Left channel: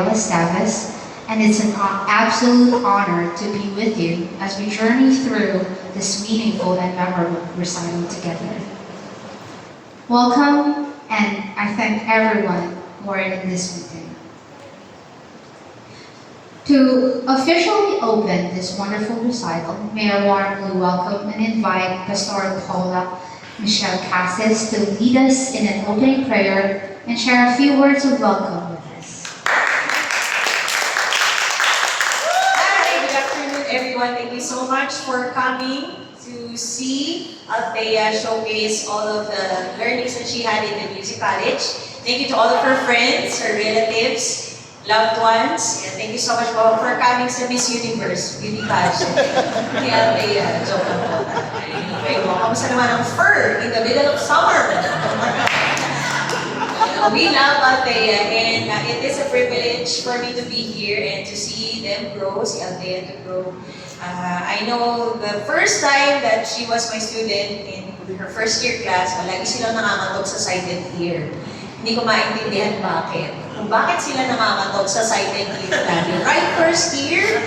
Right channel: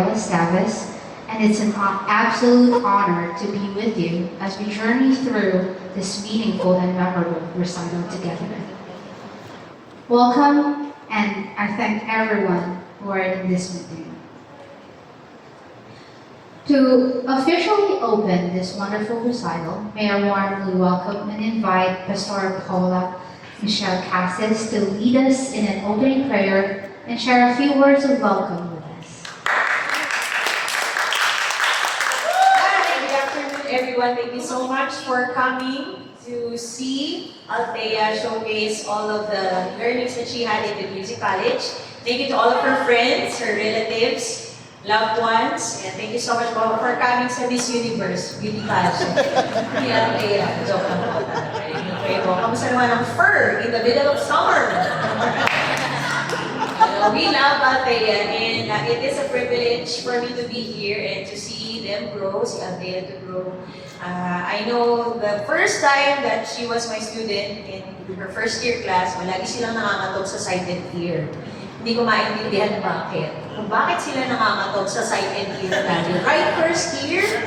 Gabriel Estaves, and it's an absolute honor to be with you as we journey through this meaningful and memorable recital together. Welcome, and I thank everyone who are in this meeting. To officially open this wonderful recital, may I warmly welcome and invite Pastor Paula Michelle Cassis to lead us in an opening prayer and share a few words of welcome with us. Hi, good afternoon everyone. Thank you so much for coming to see Althea showcase all of the learnings that she had in the music college. Thank you to all of her friends, her relatives, loved ones. And thank you so much for coming sa Miss Universe, beauty pageant. Ni Althea, joke about that. Anyway, kamusta naman ang fur in the middle of summer? We love Althea, and it is a privilege for me to be here and to see them grow, see Althea to grow. I know the first time that she was my student in her first year class, malagi silang nangangatok sa sighted ear. Hindi ko maintindihan bakit. Bakit sila nangangatok sa sighted ear lagi? Right first year?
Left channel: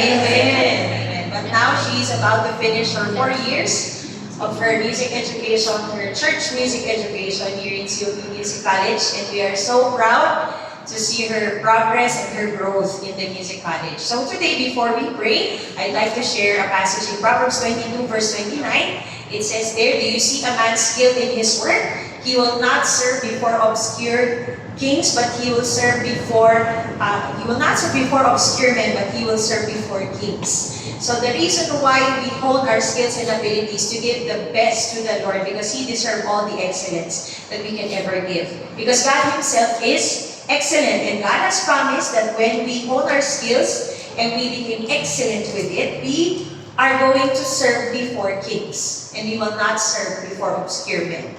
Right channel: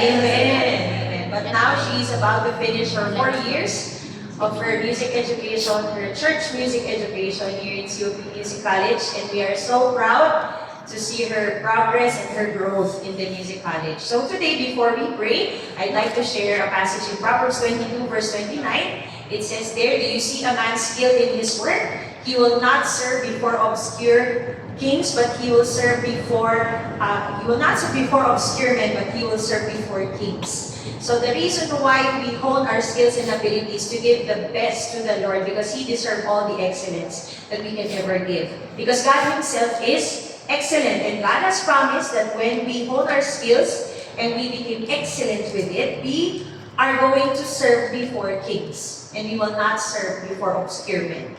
Amen. Amen. But now she's about to finish her 4 years of her music education, her church music education here in COP Music College, and we are so proud to see her progress and her growth in the music college. So today, before we pray, I'd like to share a passage in Proverbs 22, verse 29. It says there, "Do you see a man skilled in his work? He will not serve before obscure kings, but he will serve before, he will not serve before obscure men, but he will serve before kings." So the reason why we hone our skills and abilities to give the best to the Lord, because He deserves all the excellence that we can ever give. Because God Himself is excellent, and God has promised that when we hone our skills and we become excellent with it, we are going to serve before kings, and we will not serve before obscure men.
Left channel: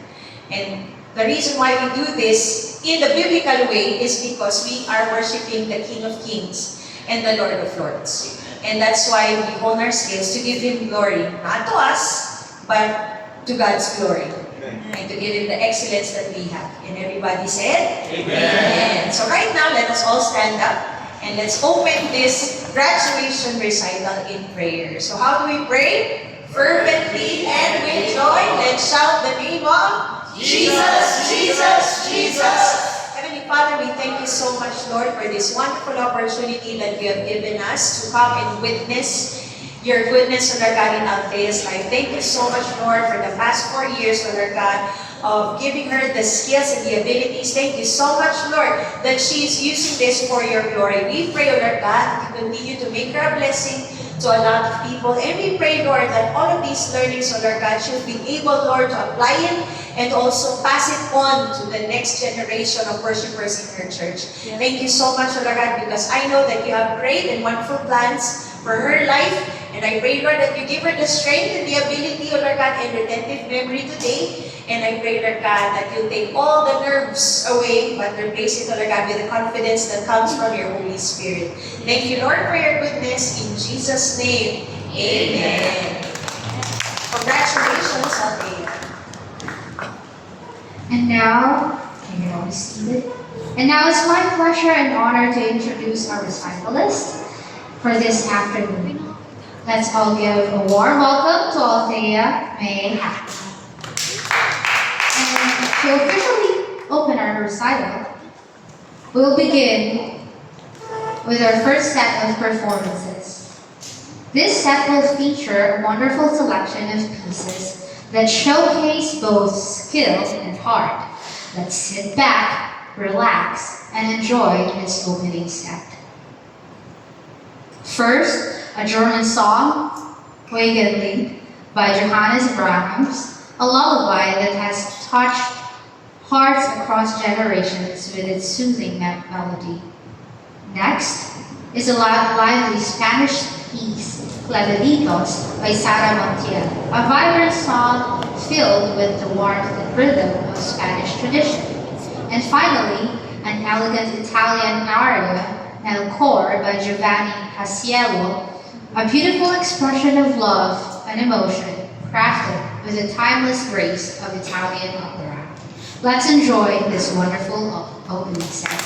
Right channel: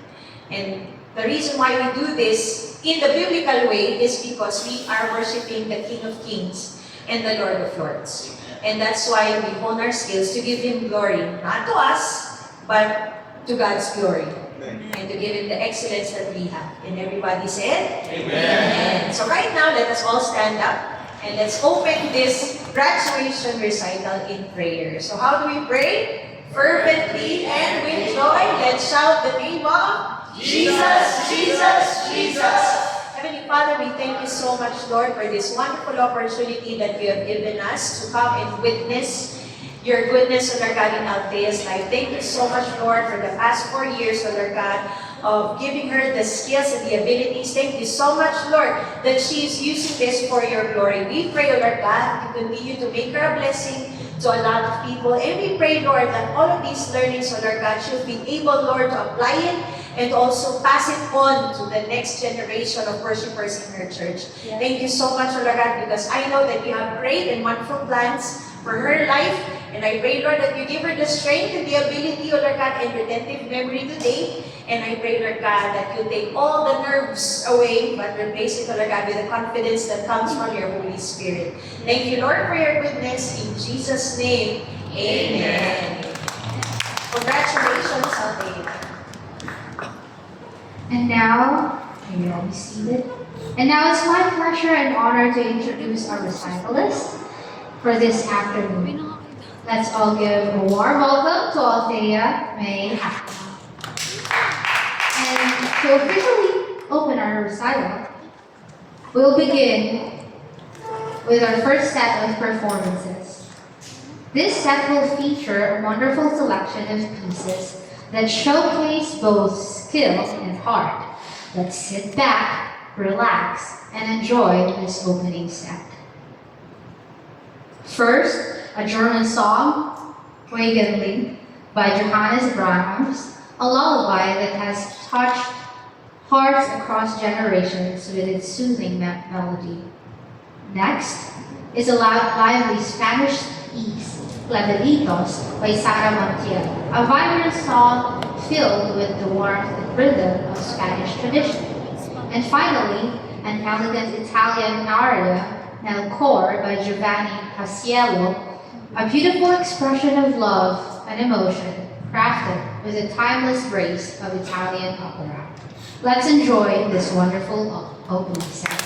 And the reason why we do this in the biblical way is because we are worshiping the King of Kings and the Lord of Lords. And that's why we hone our skills to give Him glory, not to us, but to God's glory. And to give Him the excellence that we have. And everybody said? Amen. Amen. So right now, let us all stand up and let's open this graduation recital in prayer. So how do we pray? Fervently and with joy, let's shout the name of Jesus, Jesus, Jesus. Heavenly Father, we thank you so much, Lord, for this wonderful opportunity that you have given us to come and witness your goodness, Lord God, in Althea's life. Thank you so much, Lord, for the past 4 years, Lord God, of giving her the skills and the abilities. Thank you so much, Lord, that she is using this for your glory. We pray, Lord God, to continue to make her a blessing to a lot of people. And we pray, Lord, that all of these learnings, Lord God, she'll be able, Lord, to apply it and also pass it on to the next generation of worshipers in her church. Yes. Thank you so much, Lord God, because I know that you have great and wonderful plans for her life. And I pray, Lord, that you give her the strength and the ability, Lord God, and retentive memory today. And I pray, Lord God, that you take all the nerves away, but replace it, Lord God, with the confidence that comes from your Holy Spirit. Thank you, Lord, for your goodness. In Jesus' name, amen. Congratulations, Althea. And now, can you all be seated? And now it's my pleasure and honor to introduce our recitalist for this afternoon. Let's all give a warm welcome to Althea May Hackman. And to officially open our recital, we'll begin with our first set of performances. This set will feature a wonderful selection of pieces that showcase both skill and heart. Let's sit back, relax, and enjoy this opening set. First, a German song, Wegen by Johannes Brahms, a lullaby that has touched hearts across generations with its soothing melody. Next is a lively Spanish piece, Clavelitos by Sara Montiel, a vibrant song filled with the warmth and rhythm of Spanish tradition. And finally, an elegant Italian aria, El Cor by Giovanni Paisiello, a beautiful expression of love and emotion crafted with the timeless grace of Italian opera. Let's enjoy this wonderful opening set.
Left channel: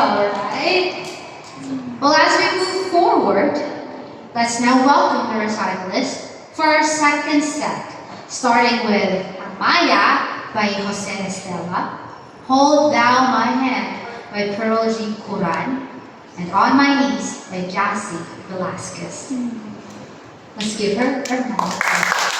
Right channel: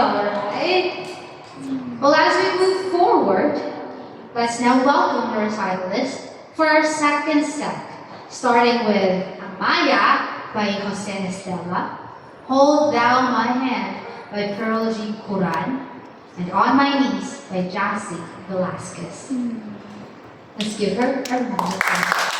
alright. Well, as we move forward, let's now welcome the recitalists for our second set, starting with Amaya by Jose Estela, Hold Thou My Hand by Pearl G. Curan, and On My Knees by Jassy Velasquez. Let's give her a round of applause.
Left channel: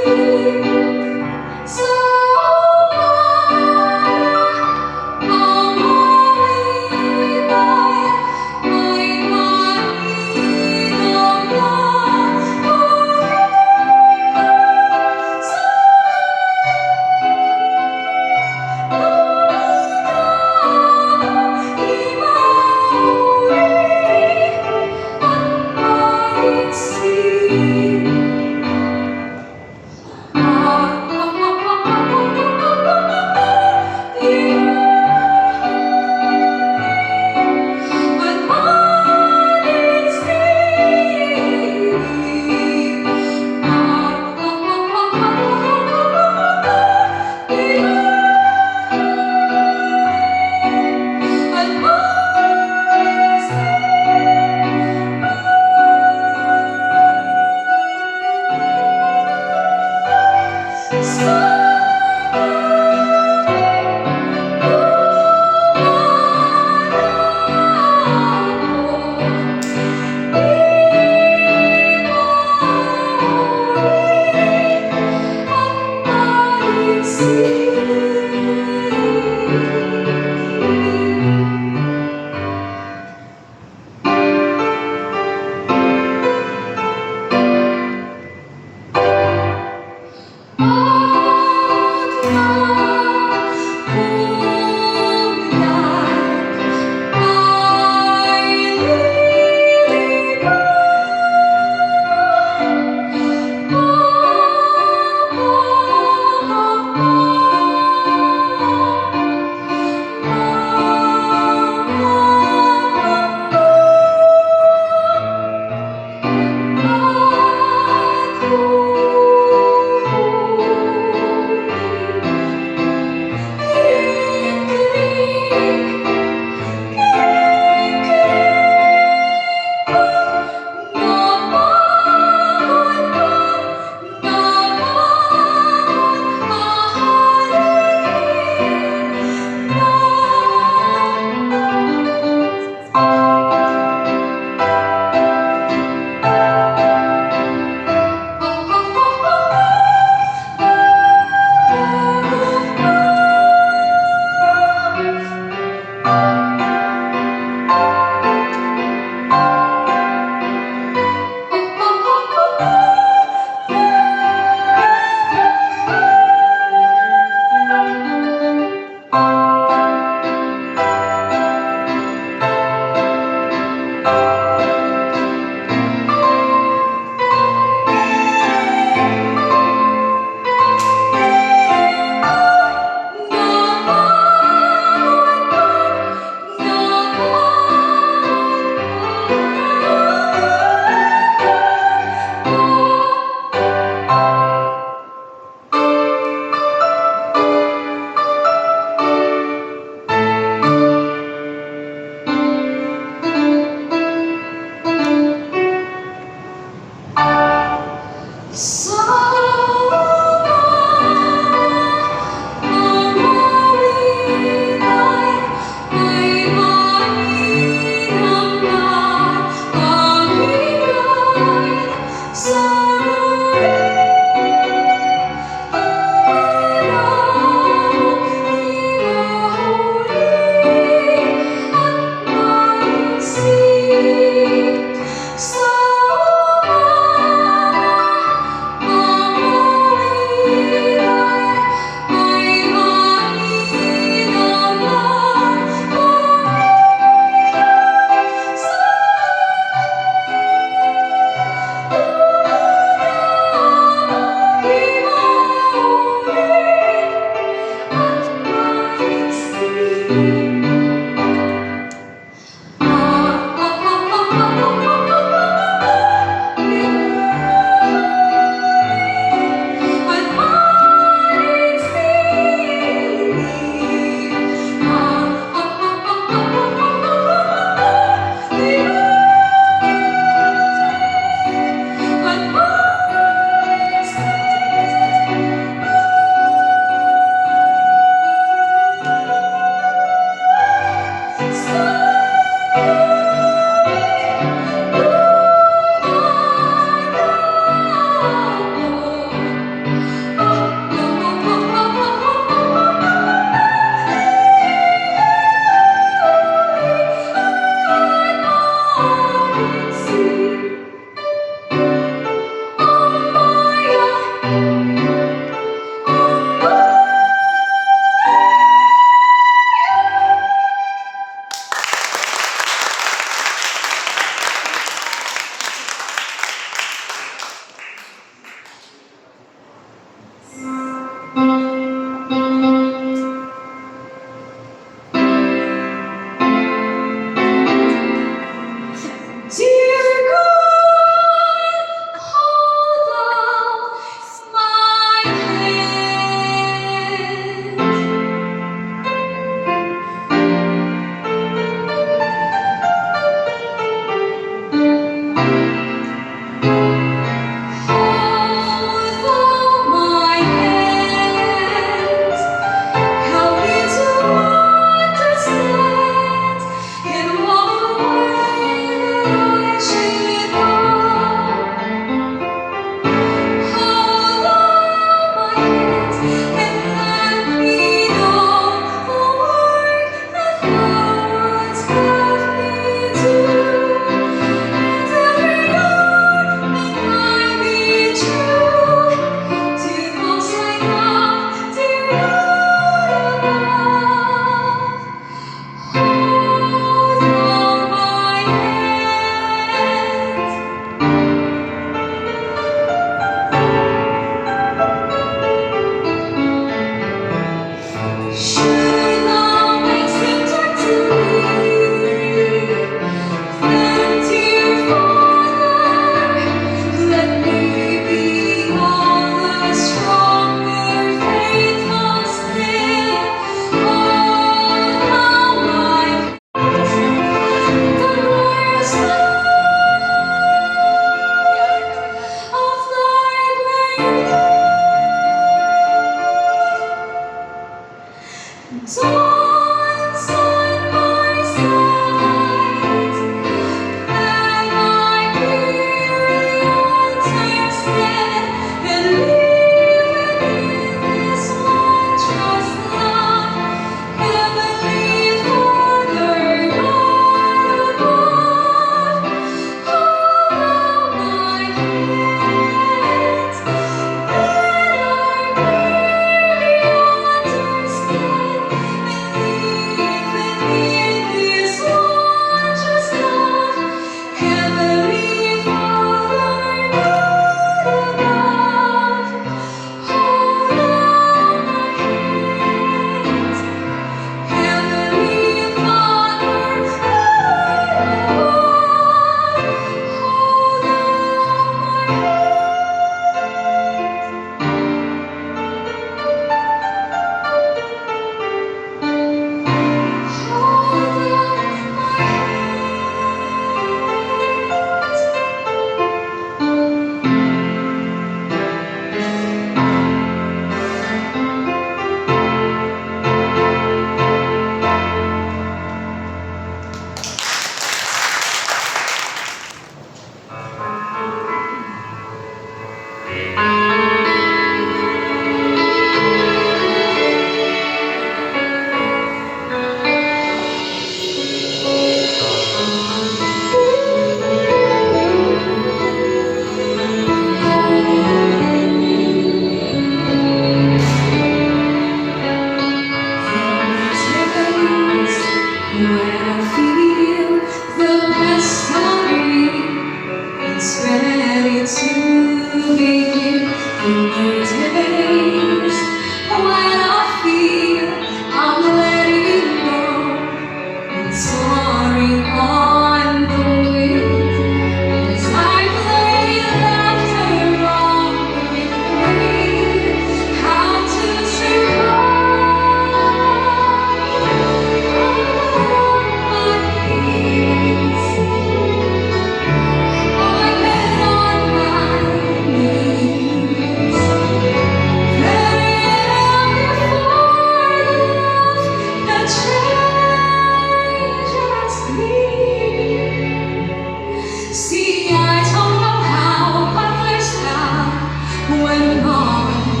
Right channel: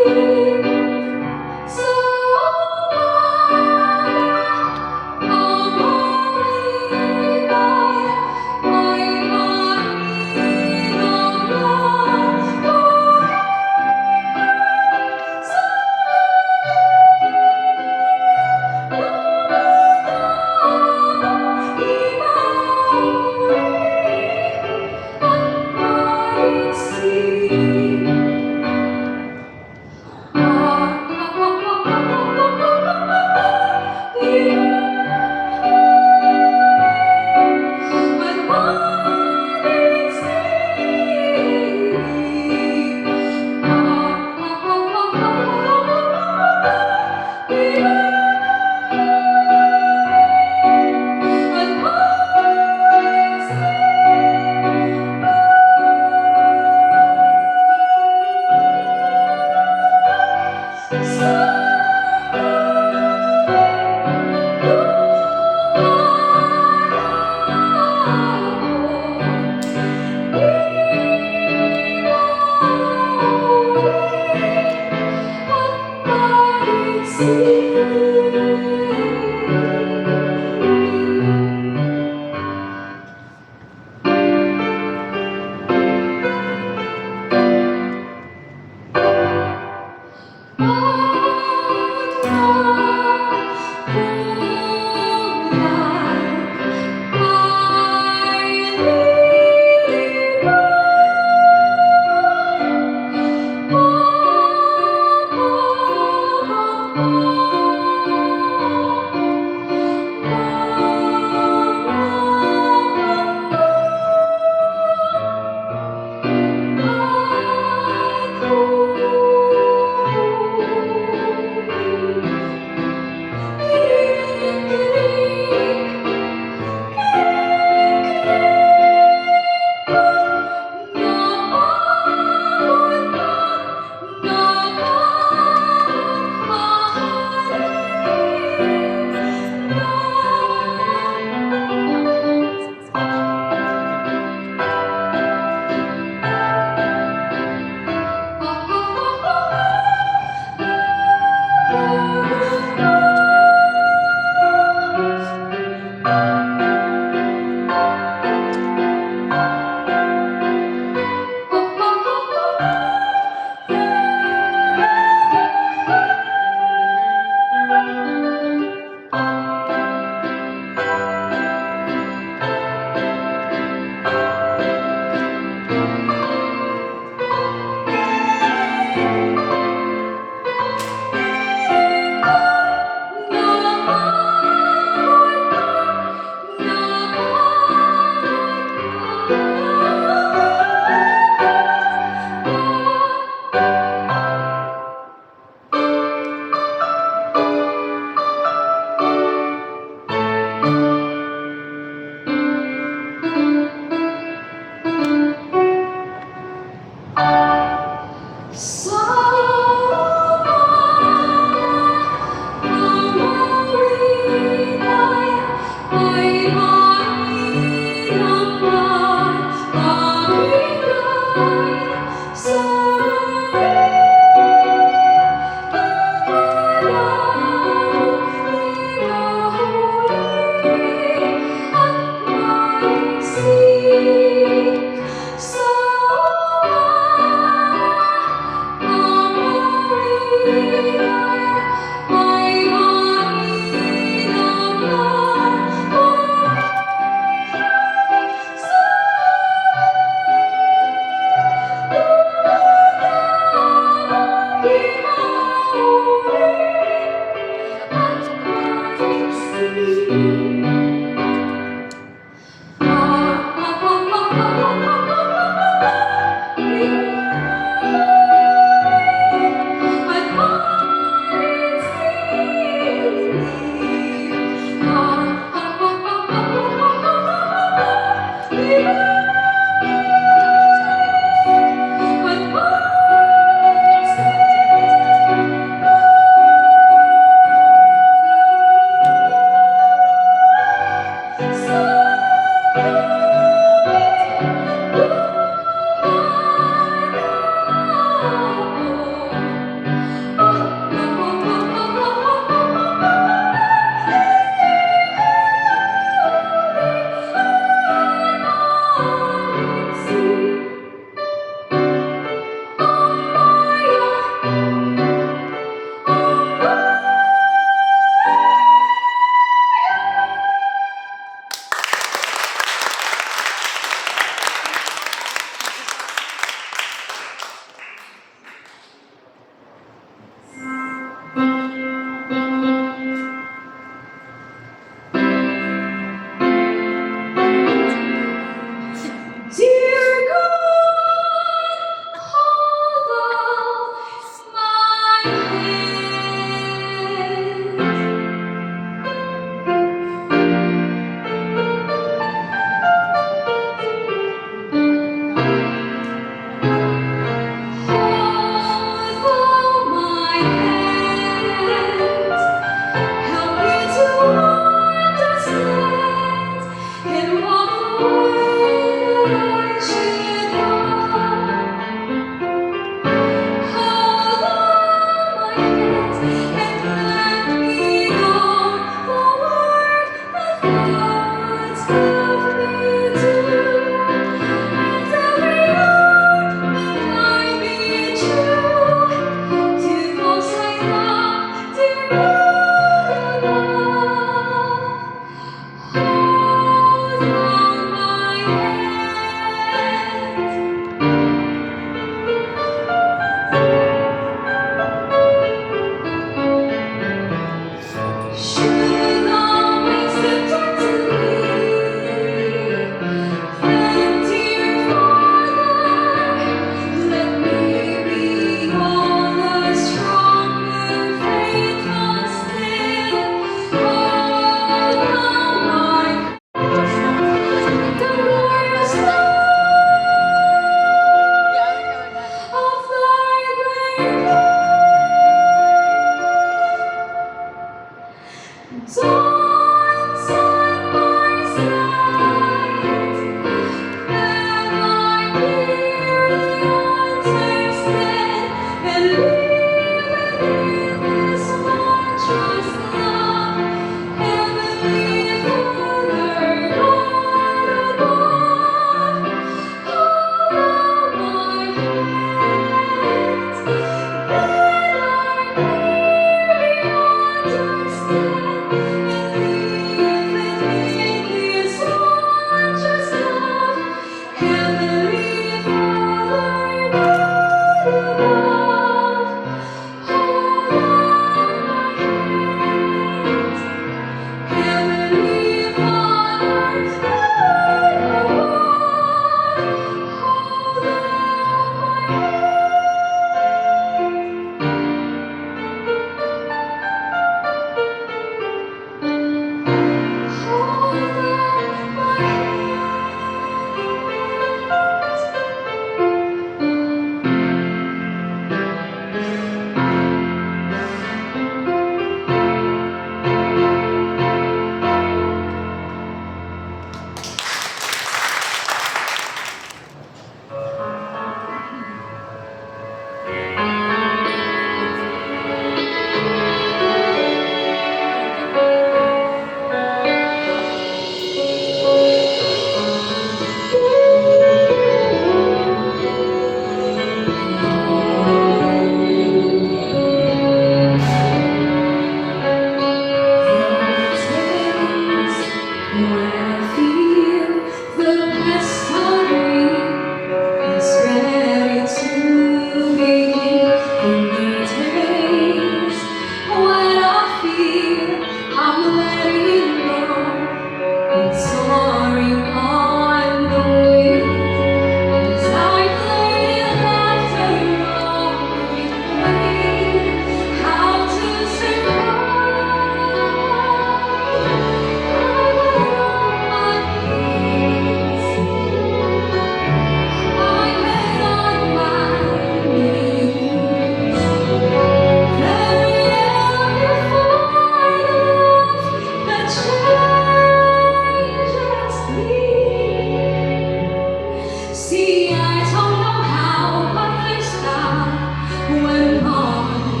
See, I don't know how, but there's how when on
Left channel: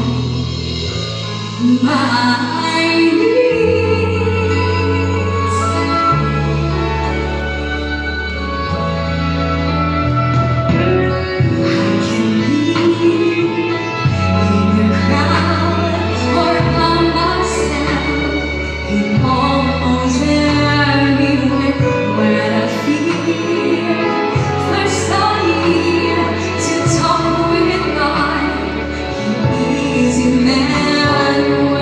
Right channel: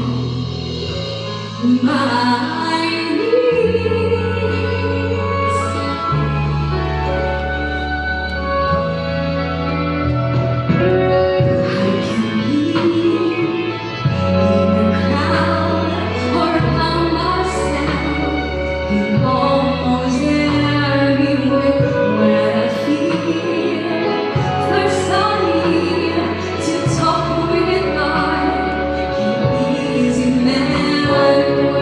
my knees. I can be in a crowd or by myself in almost anywhere where I feel. First I need to talk with God. He is Emmanuel.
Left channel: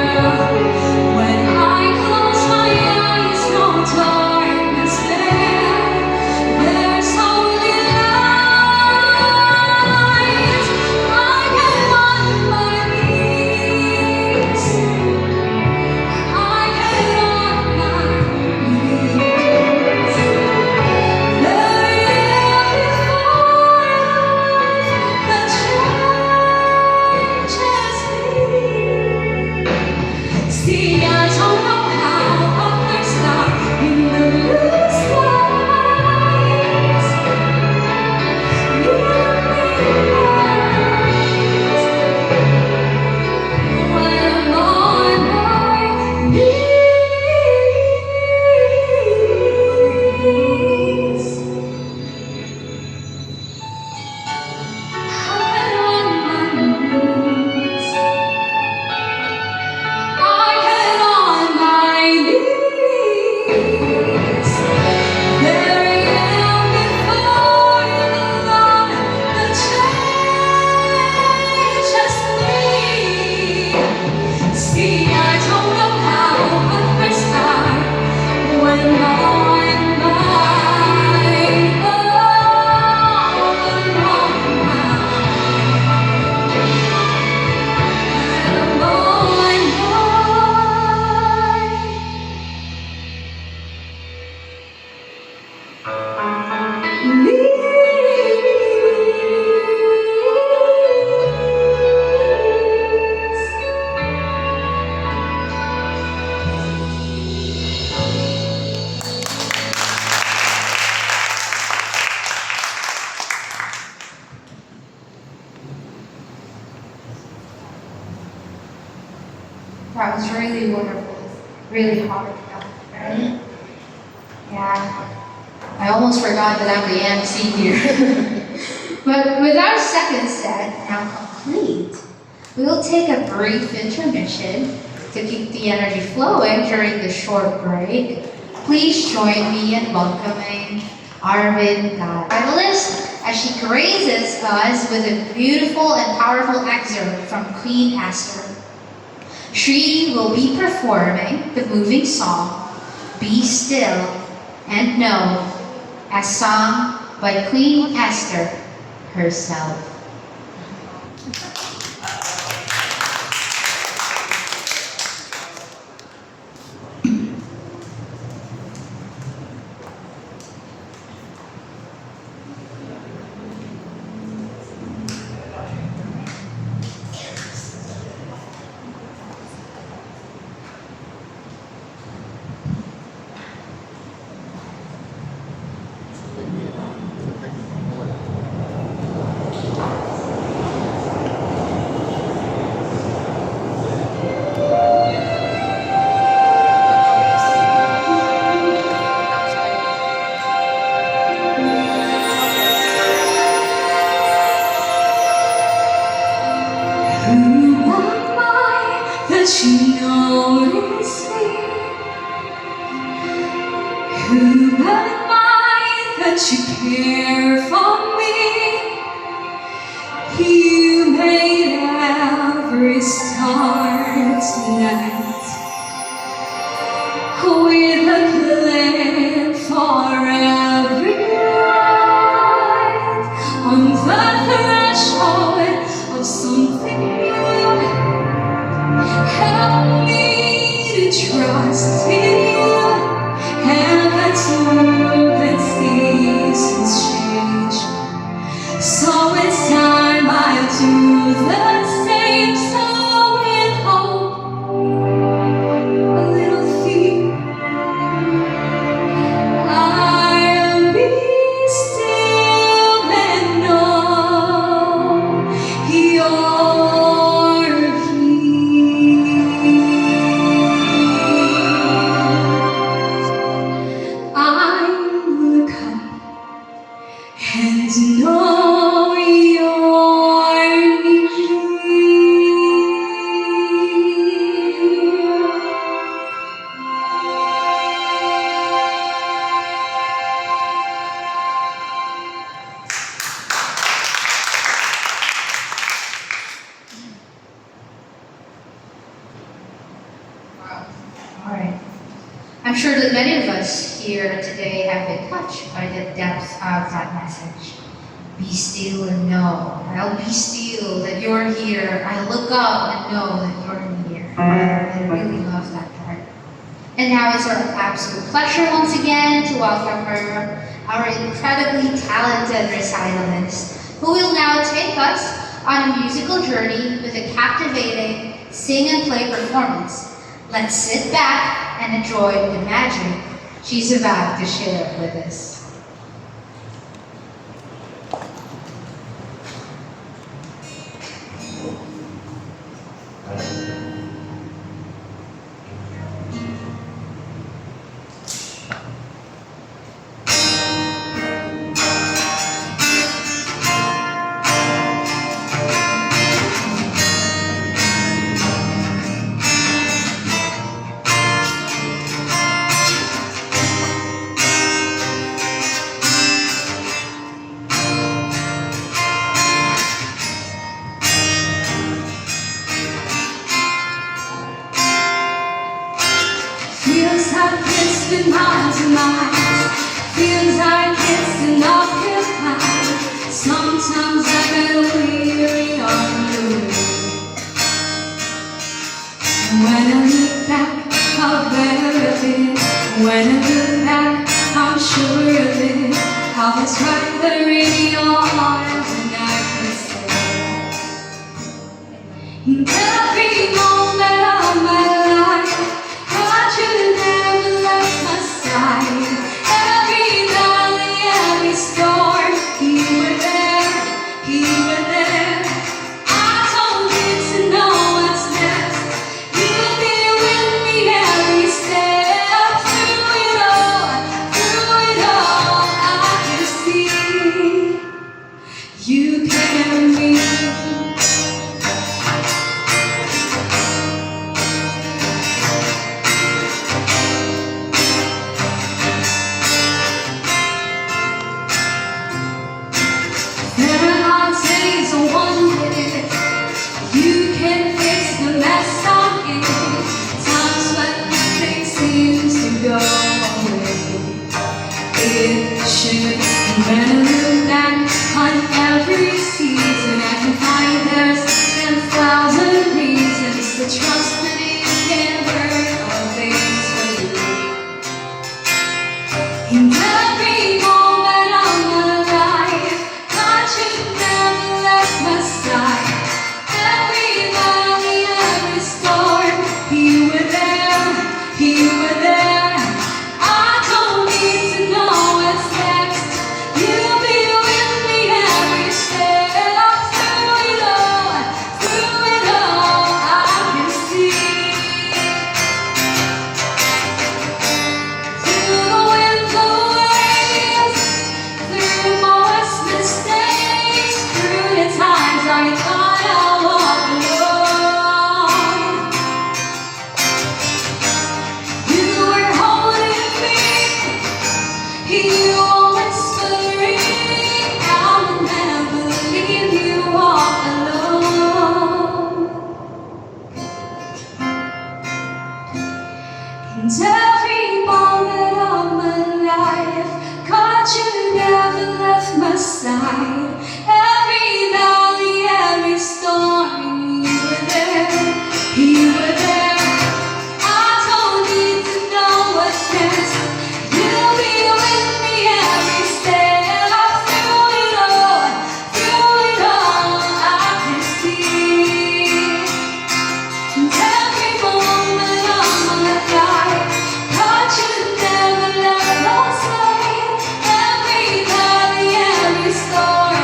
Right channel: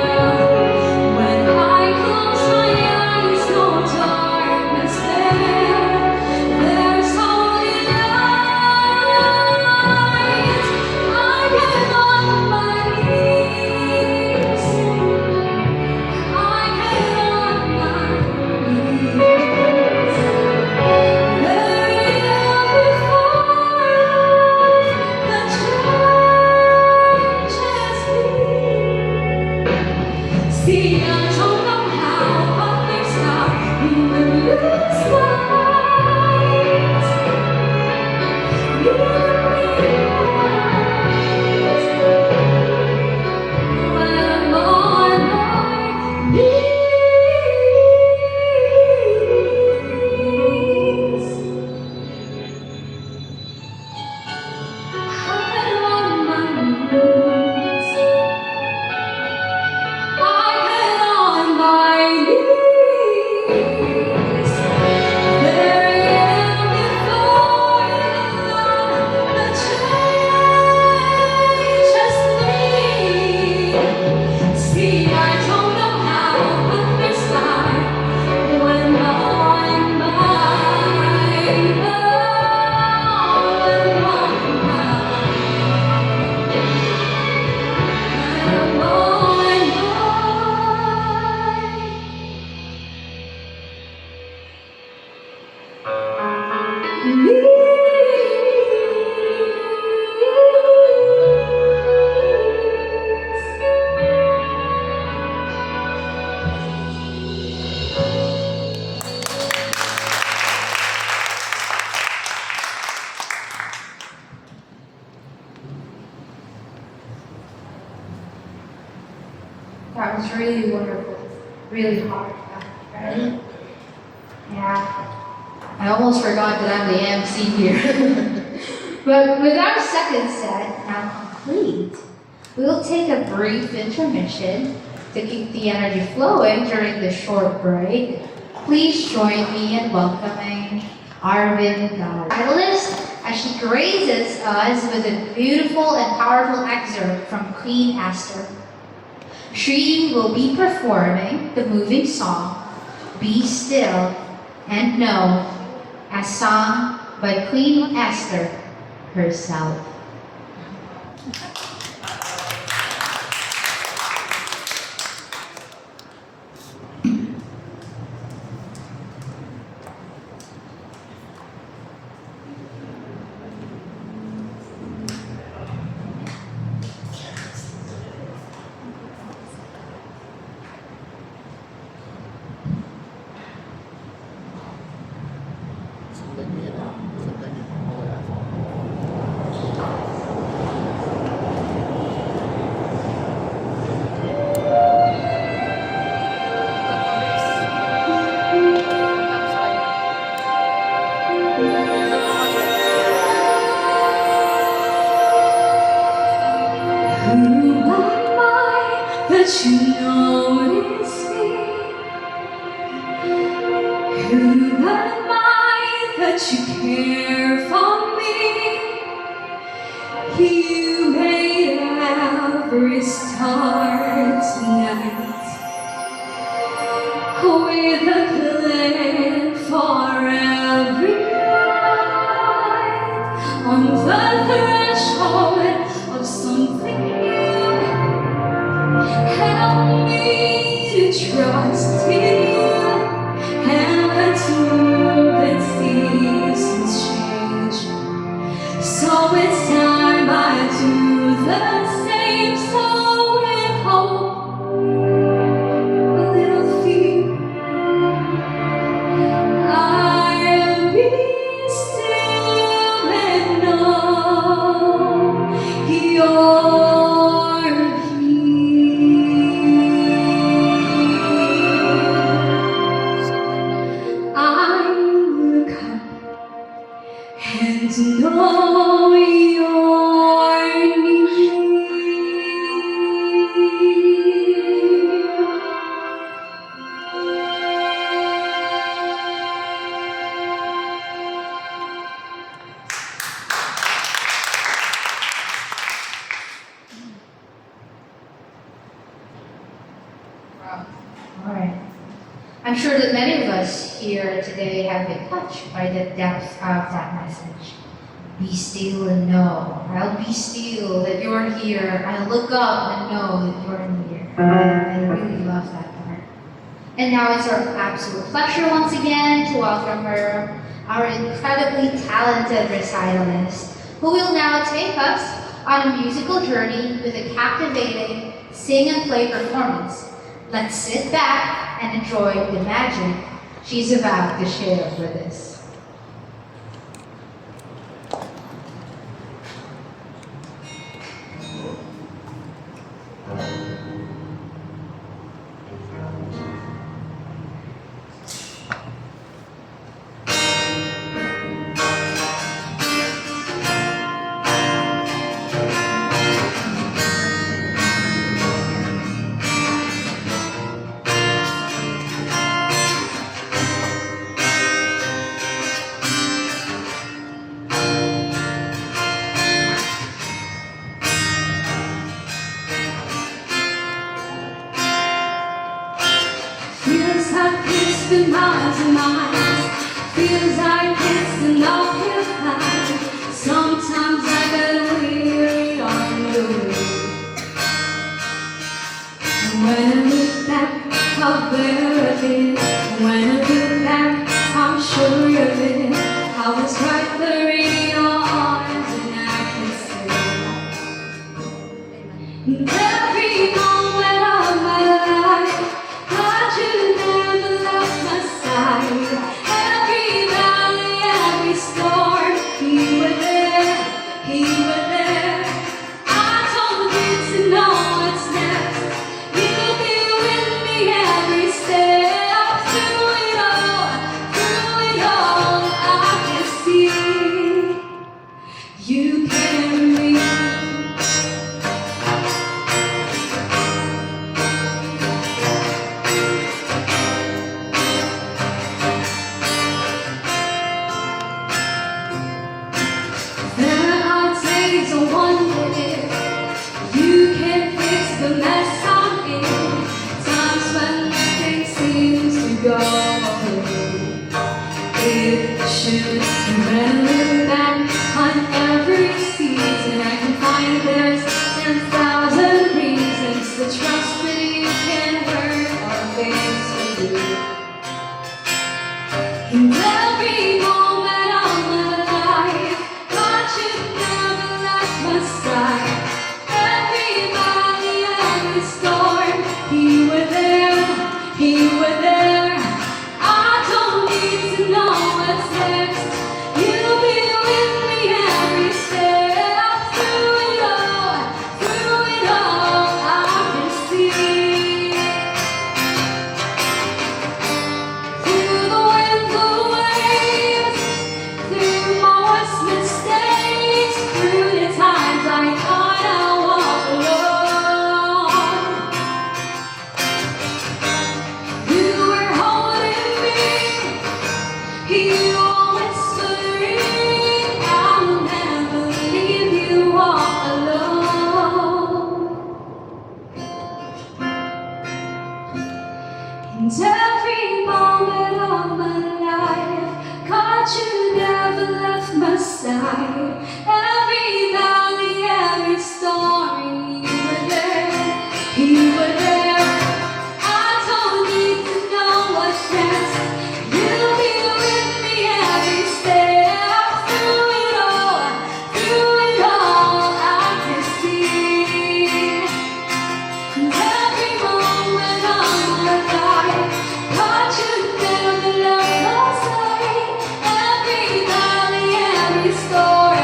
When I close my eyes, no darkness there. There's only light. I get on my knees. I get on my knees. There is changes me. See, I don't know how, but there's now in the blue skies. When I'm on my knees. I'm on my knees. I get on my knees. There I am before the Lord, the changes me. See, I don't know how, but there's time when I'm That was really wonderful. Really hard, right? Yeah. I almost forgot that I'm the MC here. But with our second set now complete, we will take a brief intermission to keep the energy flowing during the short break. Please join me in welcoming Arvin Gal, catalyst, as she graces us with a beautiful and powerful excerpt from Queen Esther. She will be performing the moving song, Be Still and Know, as sung by Queen Esther herself. That you notice me? Who am I that you care for me? You made every star tonight with a plan for every night on the threshold of something new. Help me to trust in you, and let's move that seasons change. So it's time I and to know you're near. Wow. All right. I'm sure that many of us here today have been touched by the depth of that message. Be still and know. I'll be still that you're here. I'll look up and know that you're near. I really love that part. And now it's our absolute pleasure once again to welcome her, our incredibly talented recitalist, who will now take us on a musical journey with a captivating sing and play performance. Let's sit back and enjoy the magic she's about to share with us. Feels like it's been miles and miles. Feels like it's been occupied. Sometimes I get weary of the way. When I look back, how better it is. When I look back, I'm sure of it. How it's right there in your arms and I can stay. And every moment of my life, God, you never left my side. Every valley, every storm, you were there, you were there. I don't need to know what's next. You'll be with me every step. Through it all, I can see you carry me. There are days I wonder if you can fix the mess I'm in. Times when things seem to go away. It should. And when I look back on every season, I can find there's 10,000 reasons to trust that you can hurt all things for you. In every moment of my life, God, you never left my side. Every valley, every storm, you were there, you were there. I don't need to know what's next. You'll be with me every step. Through it all, I can see. Through the winds and waves, through my worst mistakes, through the times I thought I walk alone, you were holding me, you were whispering, I'll never leave you all alone. And every moment of my life, God, you never left my side. Every valley, every storm, you were there, you were there. I don't need to know what's next. You'll be with me every step. Through it all, I can see. And every moment of my life, God, you never left my side. Every valley, every storm,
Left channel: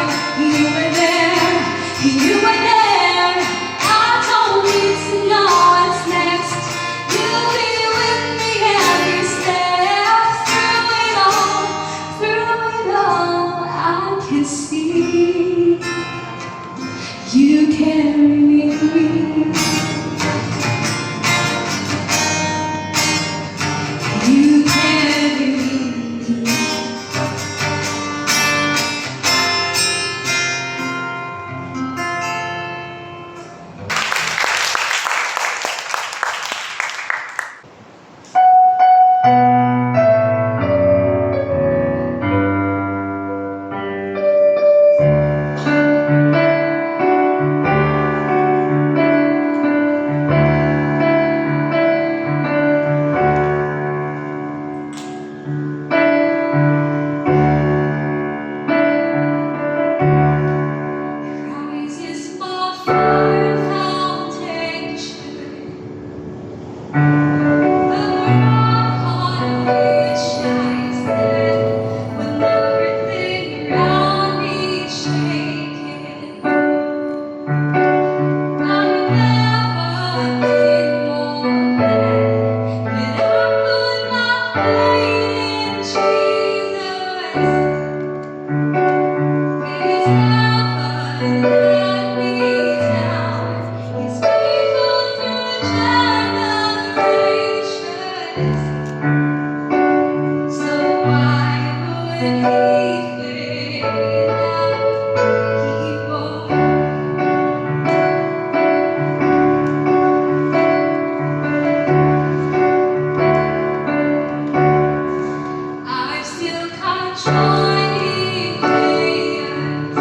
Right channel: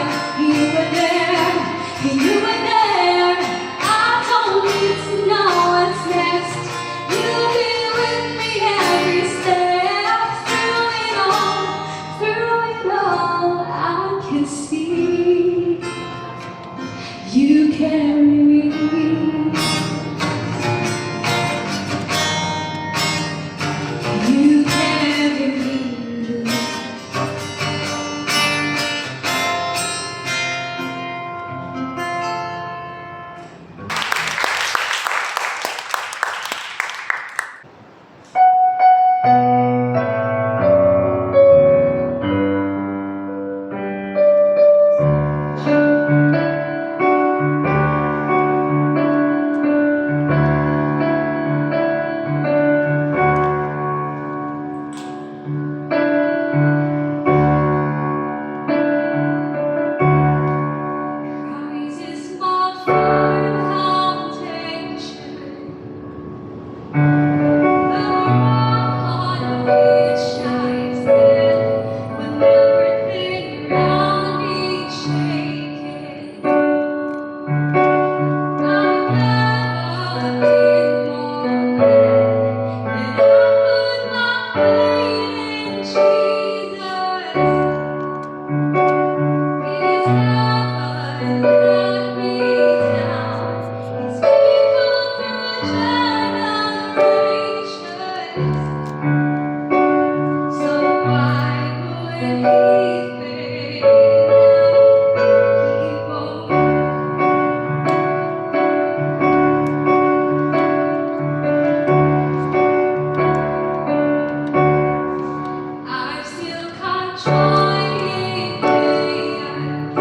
can see. You carry me. You carry me. Christ is my firm foundation, the rock on which I stand when everything around me is shaking. I've never been more glad that I put my faith in Jesus. He's never let me down. He's faithful through generations. So why would he fail? He won't. I've still come joining prayers.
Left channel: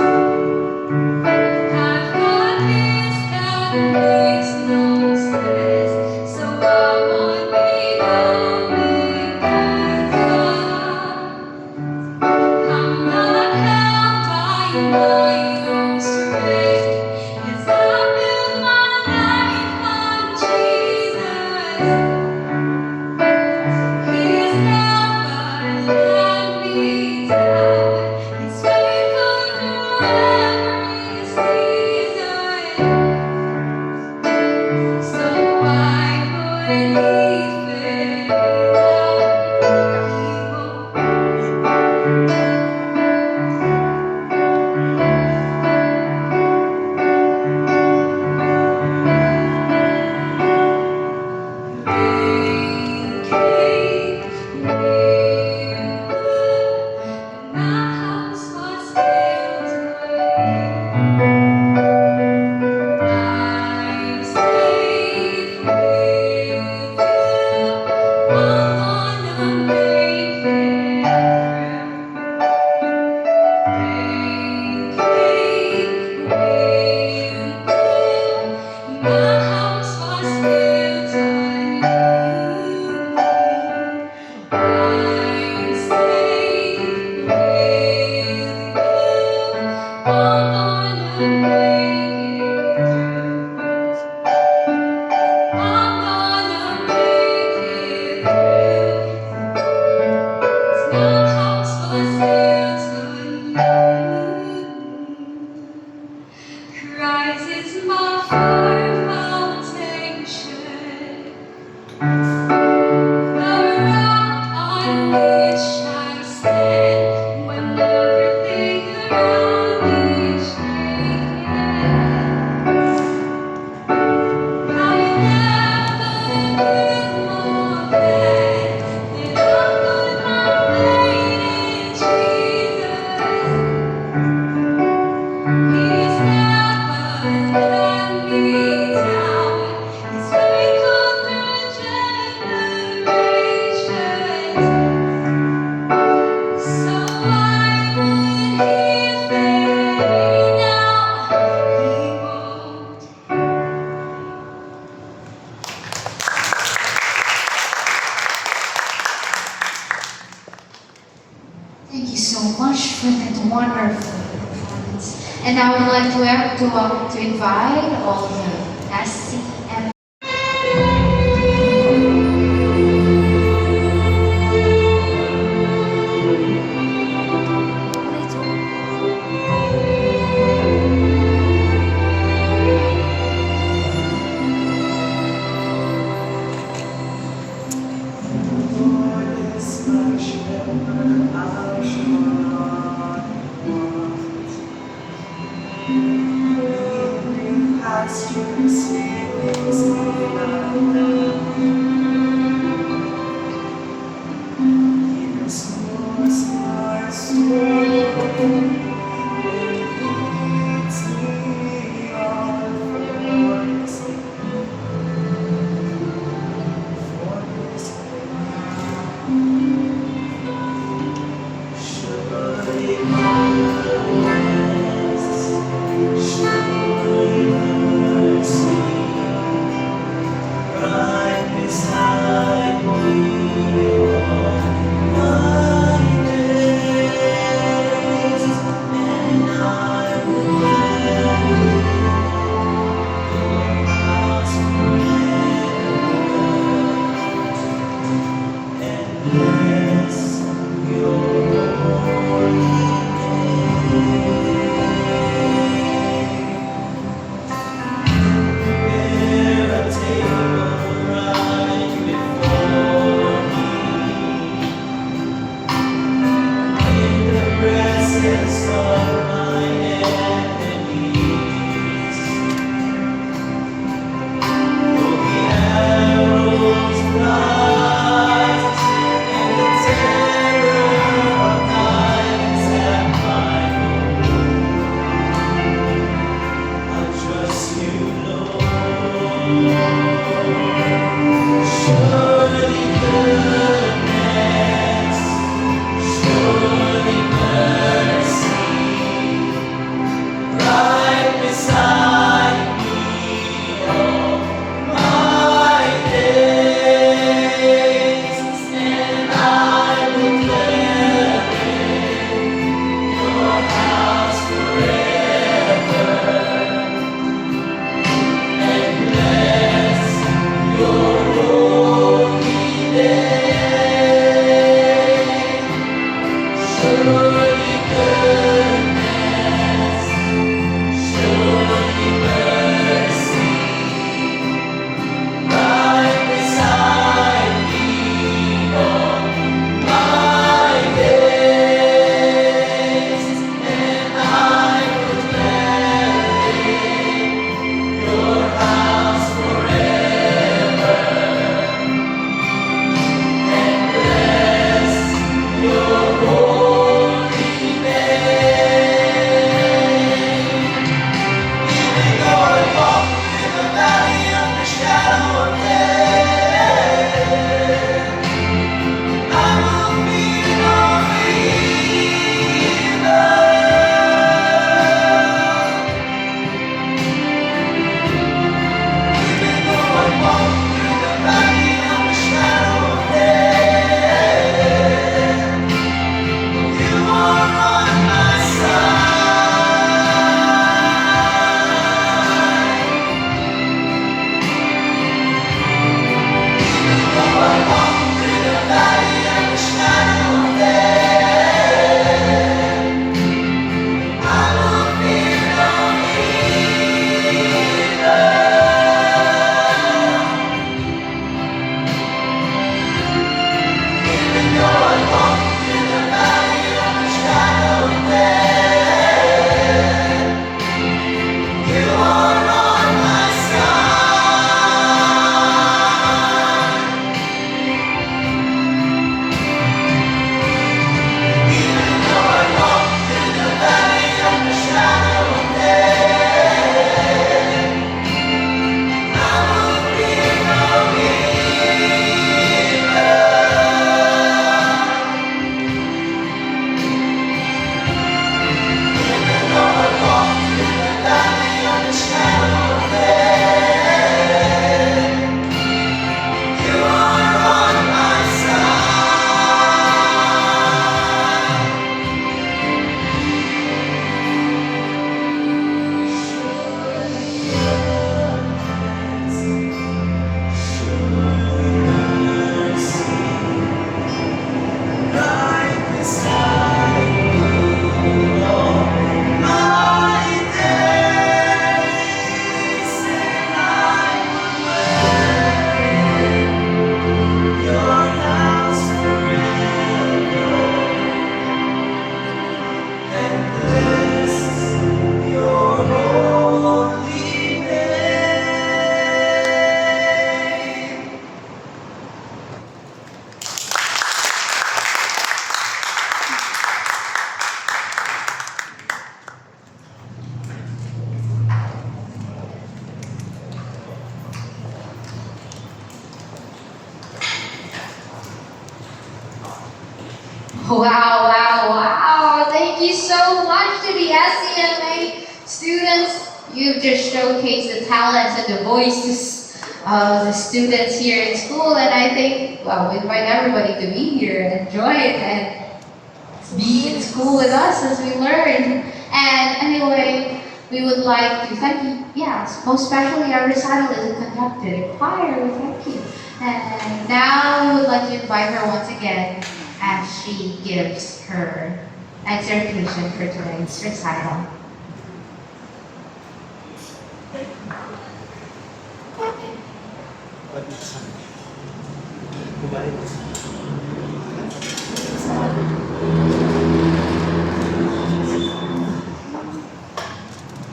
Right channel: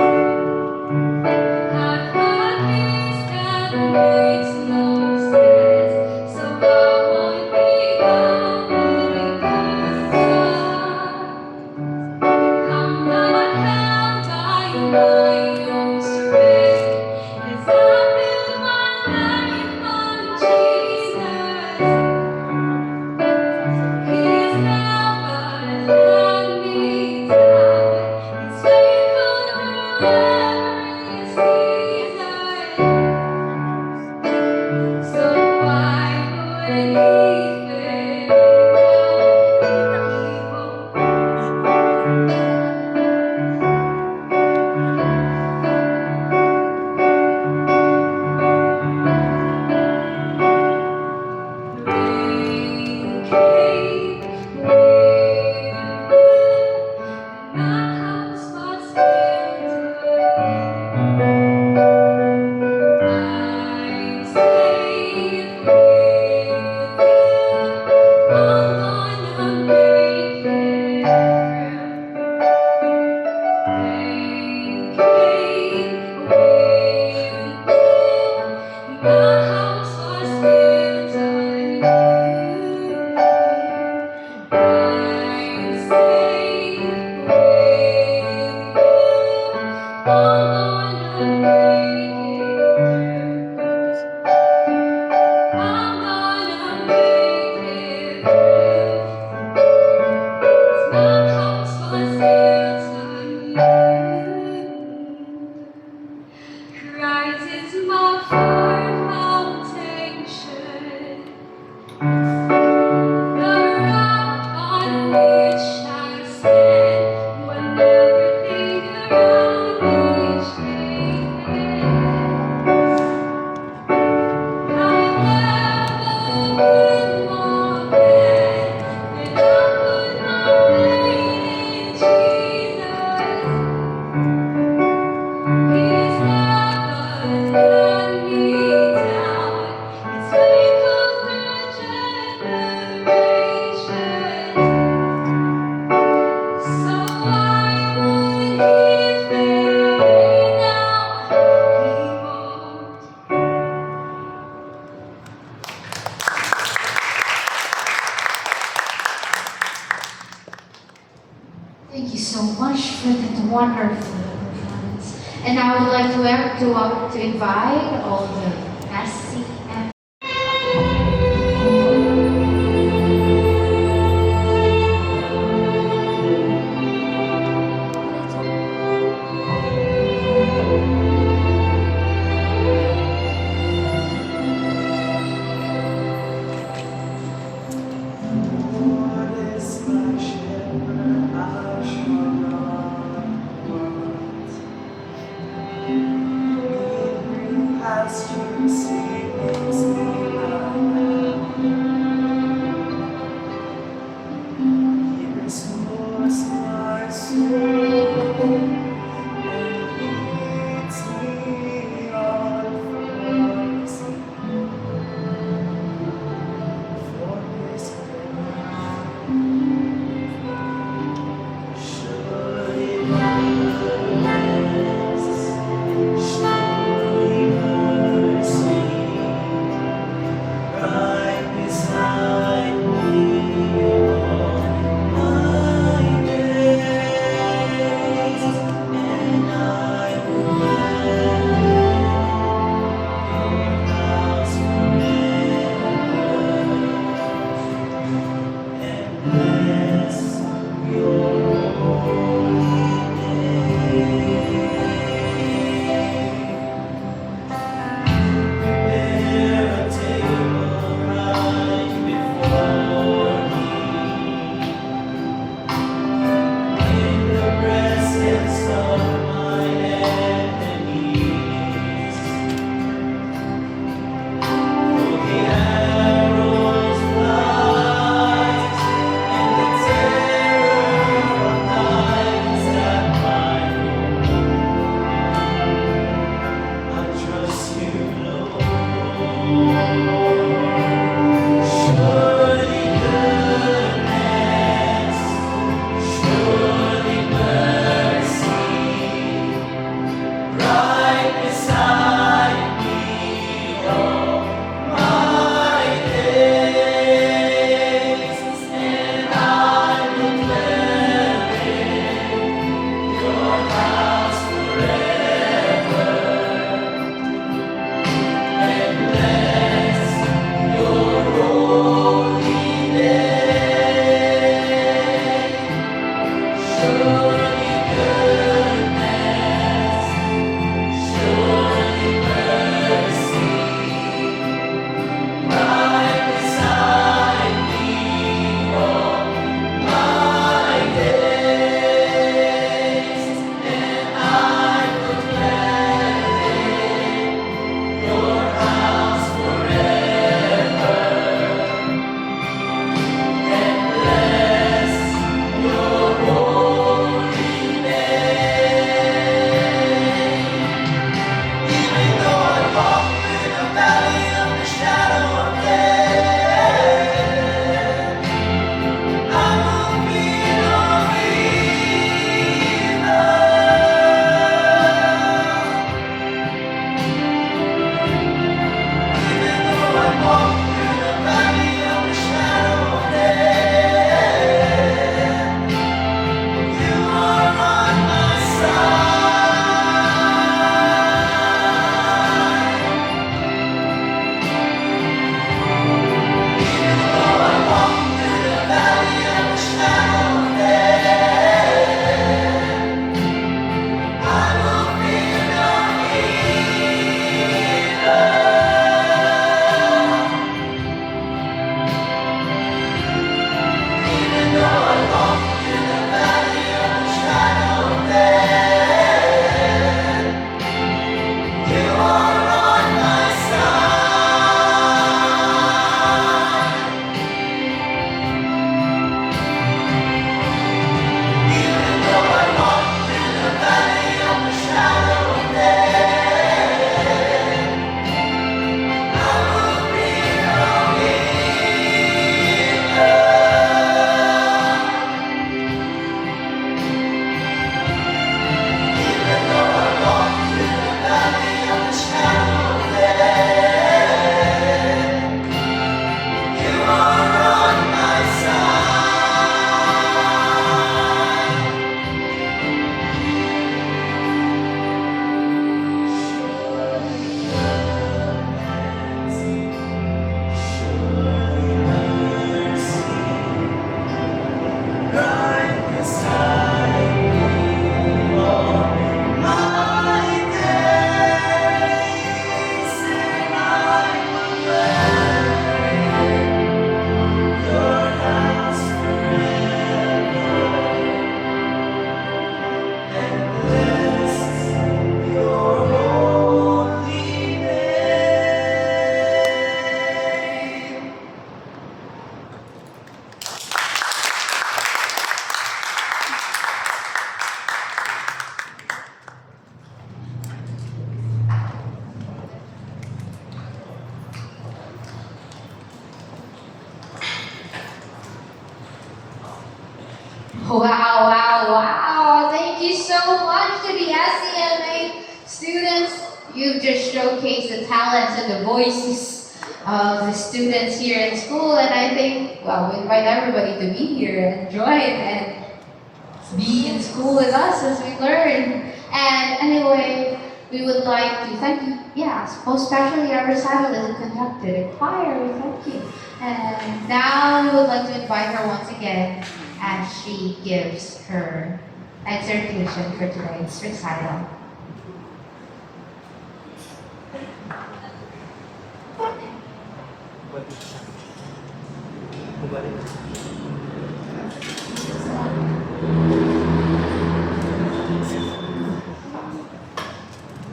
I've got this that makes no sense, so I won't be going back. I'm not held by my own strength, as I build my life on Jesus. He's never let me down. He's faithful through every season. So why would he fail? Rain came, wind blew, and my house was built I'm safe with you. I'm gonna make it through. Rain came, wind blew, my house was built on you. I'm safe with you. I'm gonna make it through. I'm gonna make it through. 'Cause my house was built on you. Christ is my firm foundation, the rock on which I stand when everything around me is shaking. I've never been more glad that I put my faith in Jesus. He's never let me down. He's faithful through generations. So why would he fail now? He won't. Thank you so much for that wonderful performance. And I would like to invite all the SCM Lord is my shepherd, I shall not want. Wow, wow, wow. Thank you so much to the SCMA students. You've just showcased the talents and the voices of the students here in school. And I think, well, we invite everybody to be here and enjoy it and be in school with us as we learn. And anyway, we would like to thank you. Yes, most especially our recital is conducted in choir. Thank you. And now we would like to invite her once again as she gives her exhortation for today's recital.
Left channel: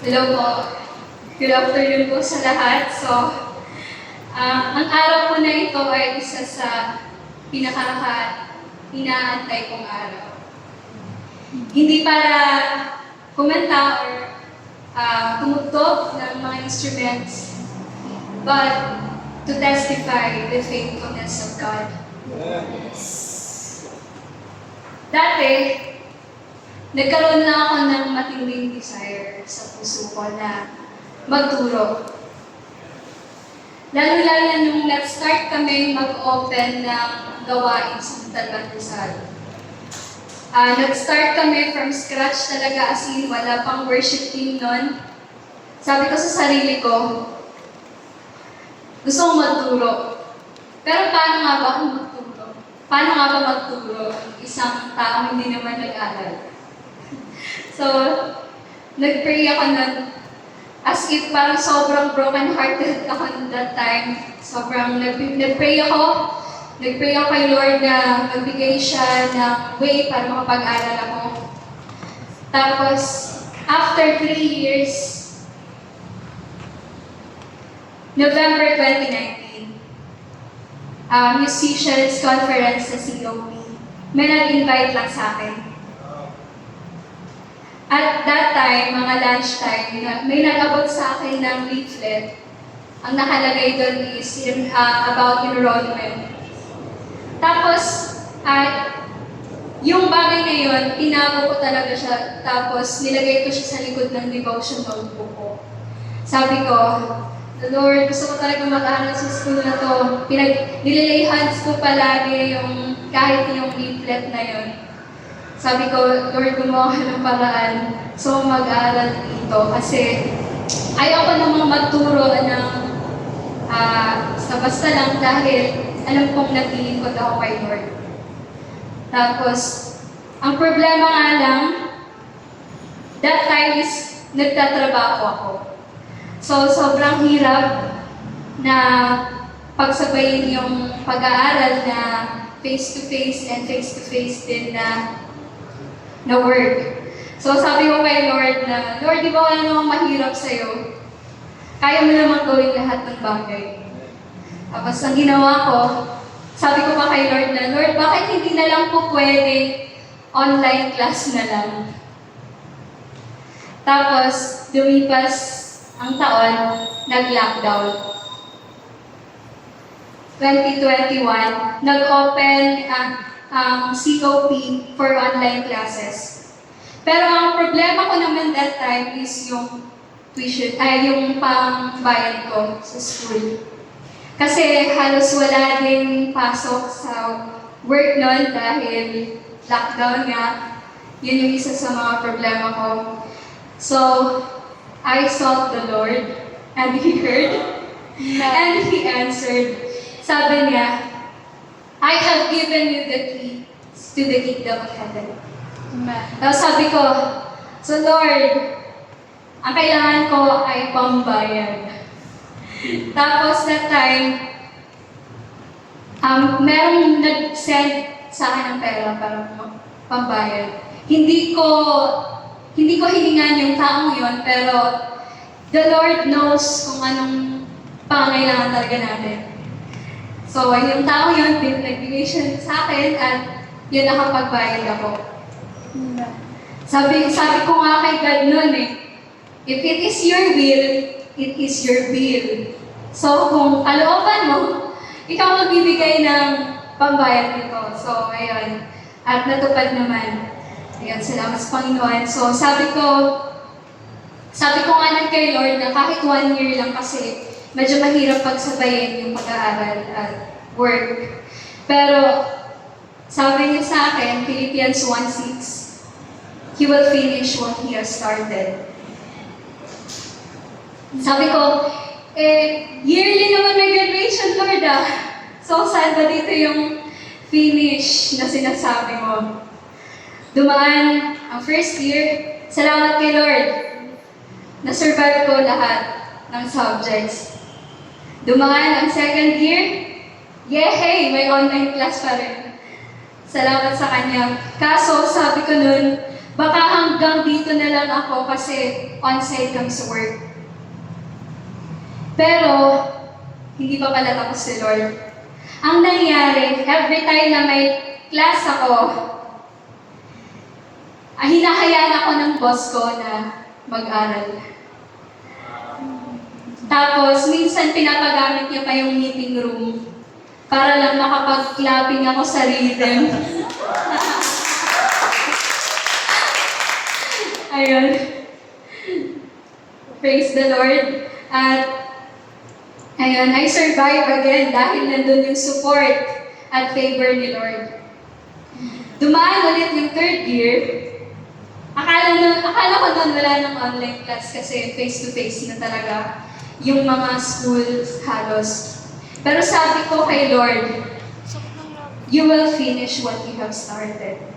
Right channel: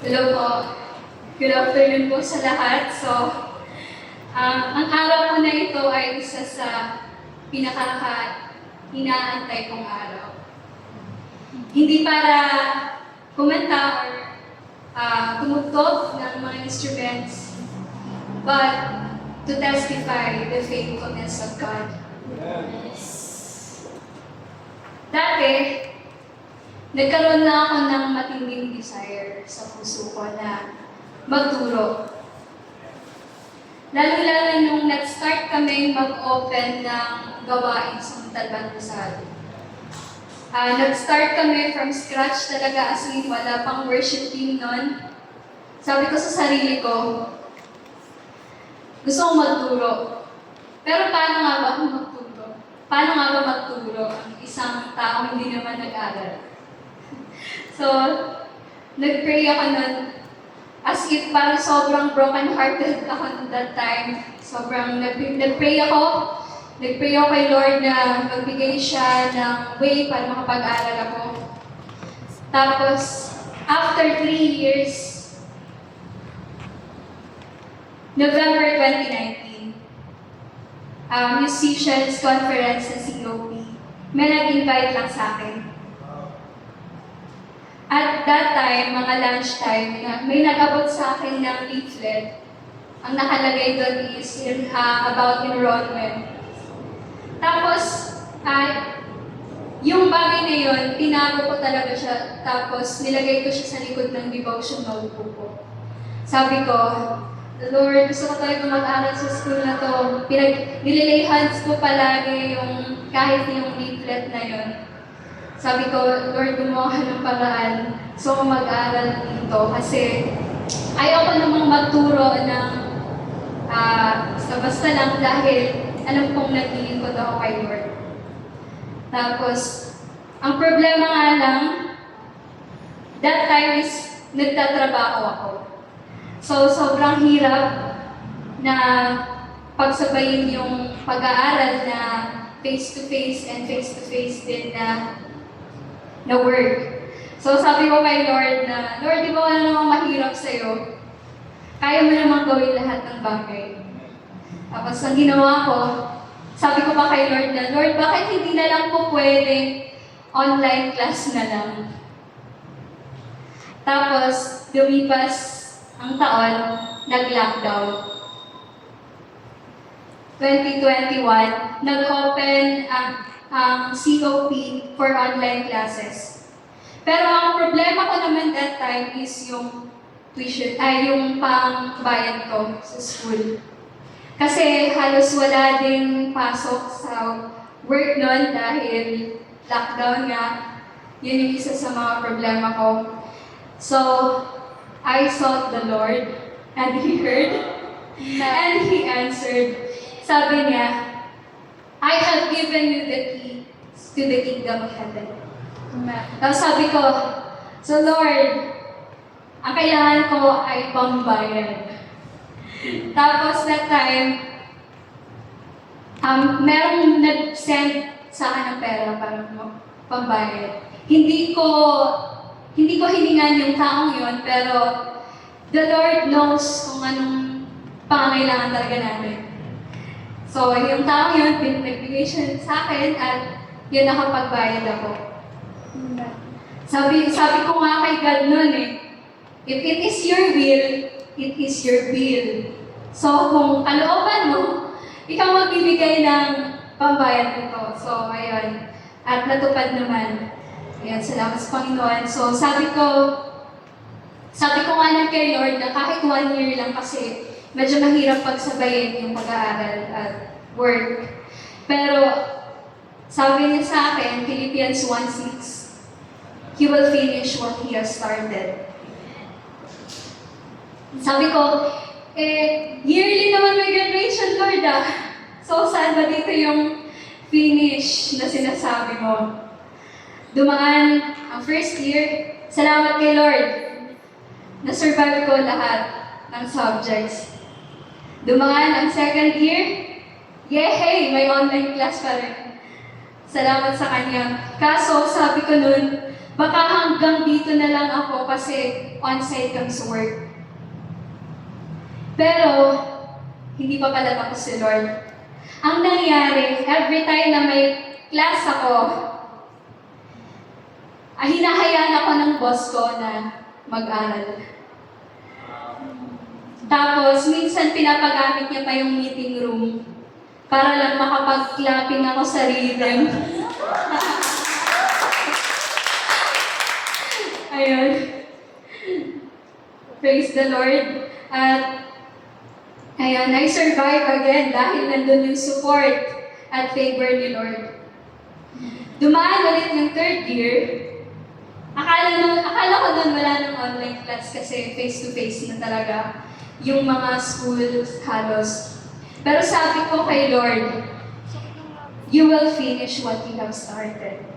Hello po. Good afternoon po sa lahat. So, ang araw po na ito ay isa sa pinaka-inaantay kong araw. Hindi para kumanta or tumugtog ng mga instruments, but to testify the faithfulness of God. Dati, nagkaroon na ako ng matinding desire sa puso ko na magturo. Lalo-lalo nung nag-start kami mag-open ng gawain sa Montalban Rizal. Nag-start kami from scratch talaga, as in wala pang worship team nun. Sabi ko sa sarili ko, gusto kong magturo. Pero paano nga ba ako magturo? Paano nga ba magturo ang isang taong hindi naman nag-aral? So, nag-pray ako nun. As if parang sobrang broken-hearted ako that time. Sobrang nag-pray ako. Nag-pray ako kay Lord na magbigay siya ng way para makapag-aral ako. Tapos, after 3 years, November 2019, Musicians Conference sa COP, may nag-invite lang sa akin. At that time, mga lunchtime, may nag-abot sa akin ng leaflet. Ang nakalagay doon is about enrollment. Tapos, yung bagay na yun, tinago ko talaga siya. Tapos, nilagay ko siya sa likod ng devotion notebook ko. Sabi ko, Lord, gusto ko talaga mag-aral sa school na to. Nililay hands ko palagi yung kahit yung leaflet na yun. Sabi ko, Lord, gumawa ng paraan. So, mag-aral dito. Kasi, ayoko namang magturo ng basta lang dahil alam kong naglilingkod ako kay Lord. Tapos, ang problema nga lang, that time is nagtatrabaho ako. So, sobrang hirap na pagsabayin yung pag-aaral na face-to-face and face-to-face din na work. So, sabi ko kay Lord na, Lord, di ba ano naman mahirap sa'yo? Kaya mo naman gawin lahat ng bagay. Tapos, ang ginawa ko, sabi ko pa kay Lord na, Lord, bakit hindi na lang po pwede online class na lang? Tapos, lumipas ang taon, nag-lockdown. 2021, nag-open ang COP for online classes. Pero ang problema ko naman that time is yung tuition, yung pangbayad ko sa school. Kasi halos wala ding pasok sa work nun dahil lockdown nga. Yun yung isa sa mga problema ko. So, I sought the Lord and He heard and He answered. Sabi niya, I have given you the key to the kingdom of heaven. Tapos sabi ko, so Lord, ang kailangan ko ay pambayad. Tapos that time, merong nag-send sa akin ng pera para pambayad. Hindi ko hiningan yung taong yun, pero the Lord knows kung anong pangangailangan talaga natin. So, yung taong yun, nagbigay siya sa akin at yun nakapagbayad ako. Sabi ko nga kay God noon if it is your will, it is your will. So, kung kalooban mo, ikaw magbibigay ng pambayad nito. So, ayun. At natupad naman. Ayun, salamat sa Panginoon. So, sabi ko nga lang kay Lord na kahit 1 year lang kasi medyo mahirap pagsabayin yung pag-aaral at work. Pero, sabi niya sa akin, Philippians 1:6, He will finish what He has started. Sabi ko, yearly naman may graduation, Lord So, saan ba dito yung finish na sinasabi mo? Dumaan ang first year, salamat kay Lord. Na-survive ko lahat ng subjects. Dumaan ang second year, yay! May online class pa rin. Salamat sa Kanya. Kaso, sabi ko nun, baka hanggang dito na lang ako kasi on-site kami sa work. Pero, hindi pa pala tapos si Lord. Ang nangyari, every time na may class ako, hinahayaan ako ng boss ko na mag-aral. Tapos, minsan pinapagamit niya pa yung meeting room para lang makapag-clapping ako sa rhythm. Ayun. Praise the Lord. At ayun, I survive again dahil nandun yung support at favor ni Lord. Dumaan ulit yung third year. Akala ko doon wala ng online class kasi face-to-face na talaga yung mga schools halos. Pero sabi ko kay Lord, you will finish what you have started.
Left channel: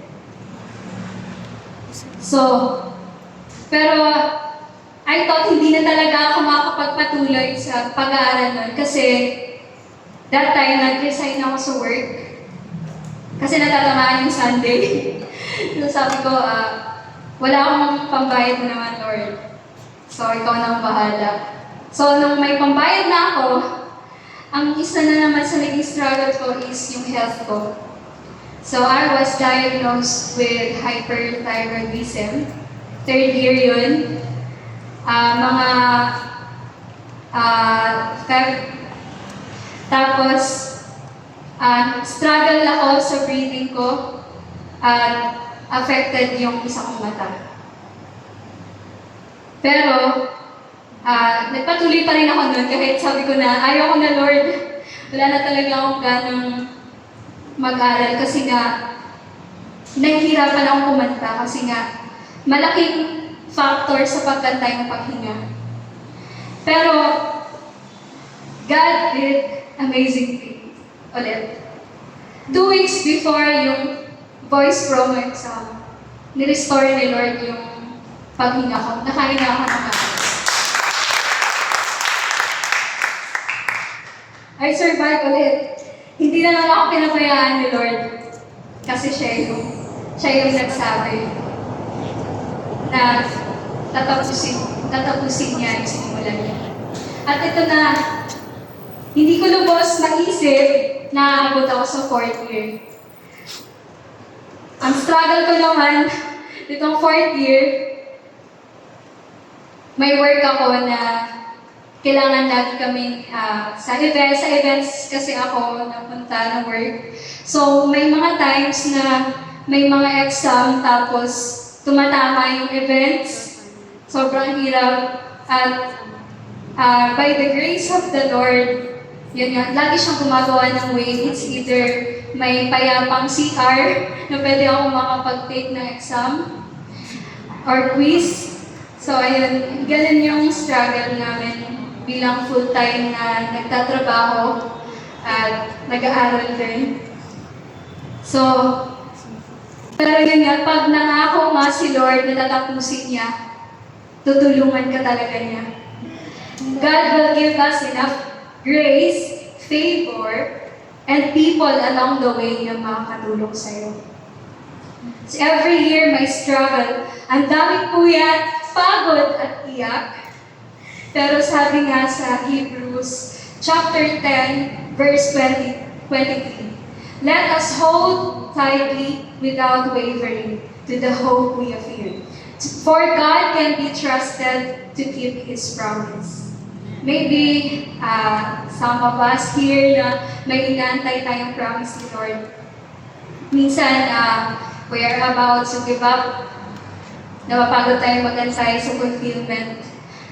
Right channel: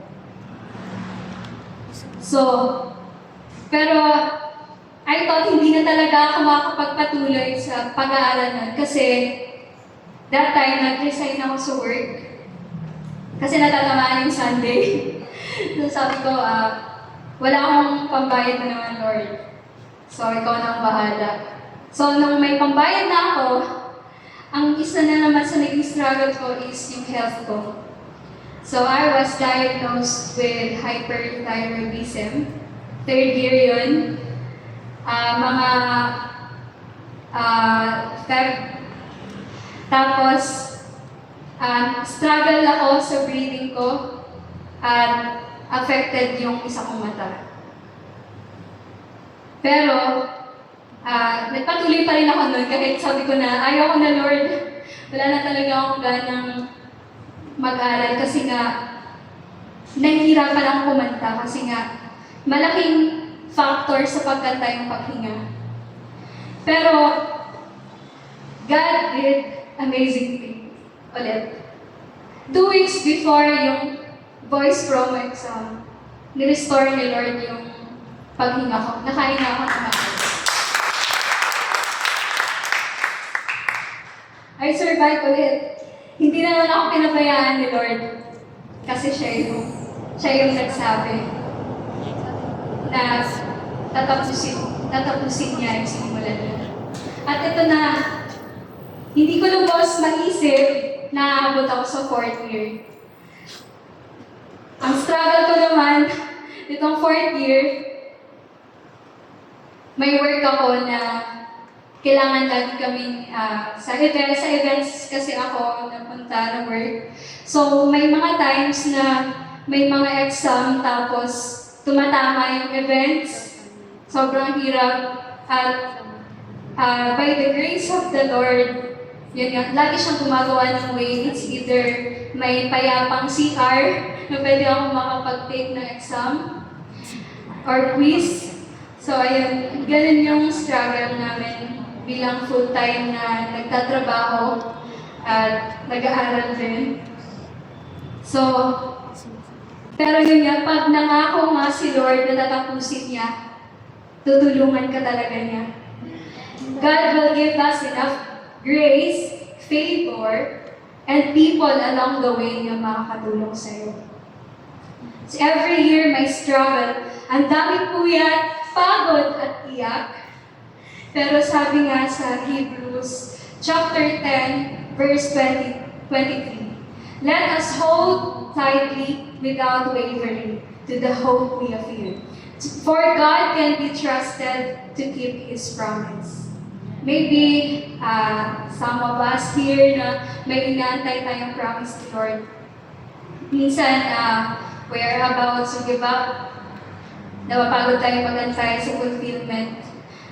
So, pero I thought hindi na talaga ako makapagpatuloy sa pag-aaral nun kasi that time nag-resign ako sa work kasi natatamaan yung Sunday. So sabi ko, wala akong pambayad na naman, Lord. So ikaw na ang bahala. So nung may pambayad na ako, ang isa na naman sa naging struggle ko is yung health ko. So I was diagnosed with hyperthyroidism. Third year yun. Tapos, struggle ako sa breathing ko at affected yung isa kong mata. Pero, nagpatuloy pa rin ako nun kahit sabi ko na ayaw ko na Lord, wala na talaga akong ganang mag-aral kasi nga nahihirapan akong kumanta kasi nga malaking factor sa pagkanta yung paghinga. Pero, God did amazing things. Ulit. 2 weeks before yung voice promo exam, nirestore ni Lord yung paghinga ko. Nakahinga ako ng maayos. I survived ulit. Hindi na lang ako pinabayaan ni Lord. Kasi siya yung nagsabi na tatapusin niya yung sinimulan niya. At ito na, hindi ko lubos maisip na aabot ako sa 4th year. Ang struggle ko naman, itong 4th year, may work ako na kailangan lagi kaming sa events kasi ako napunta ng work. So, may mga times na may mga exam tapos tumatama yung events. Sobrang hirap. At by the grace of the Lord, yun nga, lagi siyang gumagawa ng way. It's either may payapang CR na pwede ako makapag-take ng exam or quiz. So ayun, ganun yung struggle namin bilang full-time na nagtatrabaho at nag-aaral din. So, pero yun nga, pag nangako nga si Lord na tatapusin niya, tutulungan ka talaga niya. God will give us enough grace, favor, and people along the way na makakatulong sa'yo. So every year may struggle. Ang daming puyat, pagod at iyak. Pero sabi nga sa Hebrews chapter 10, verse 23, let us hold tightly without wavering to the hope we have here. For God can be trusted to keep His promise. Maybe some of us here na may inaantay tayong promise ni Lord. Minsan, we're about to give up. Napapagod tayo mag-antay sa fulfillment.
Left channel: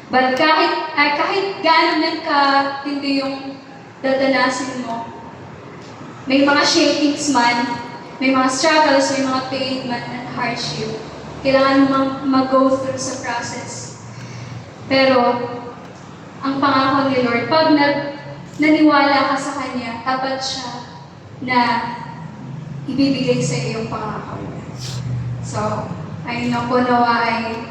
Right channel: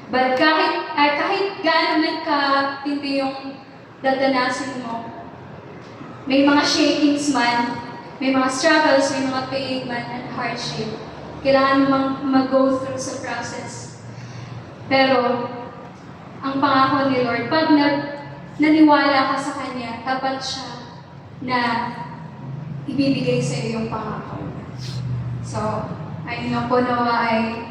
But kahit gaano man ka-tindi yung dadanasin mo, may mga shakings man, may mga struggles, may mga pain man at hardship. Kailangan mag-go through sa process. Pero, ang pangako ni Lord, pag naniwala ka sa Kanya, tapat siya na ibibigay sa iyo yung pangako niya. So, ayun ang nawa ay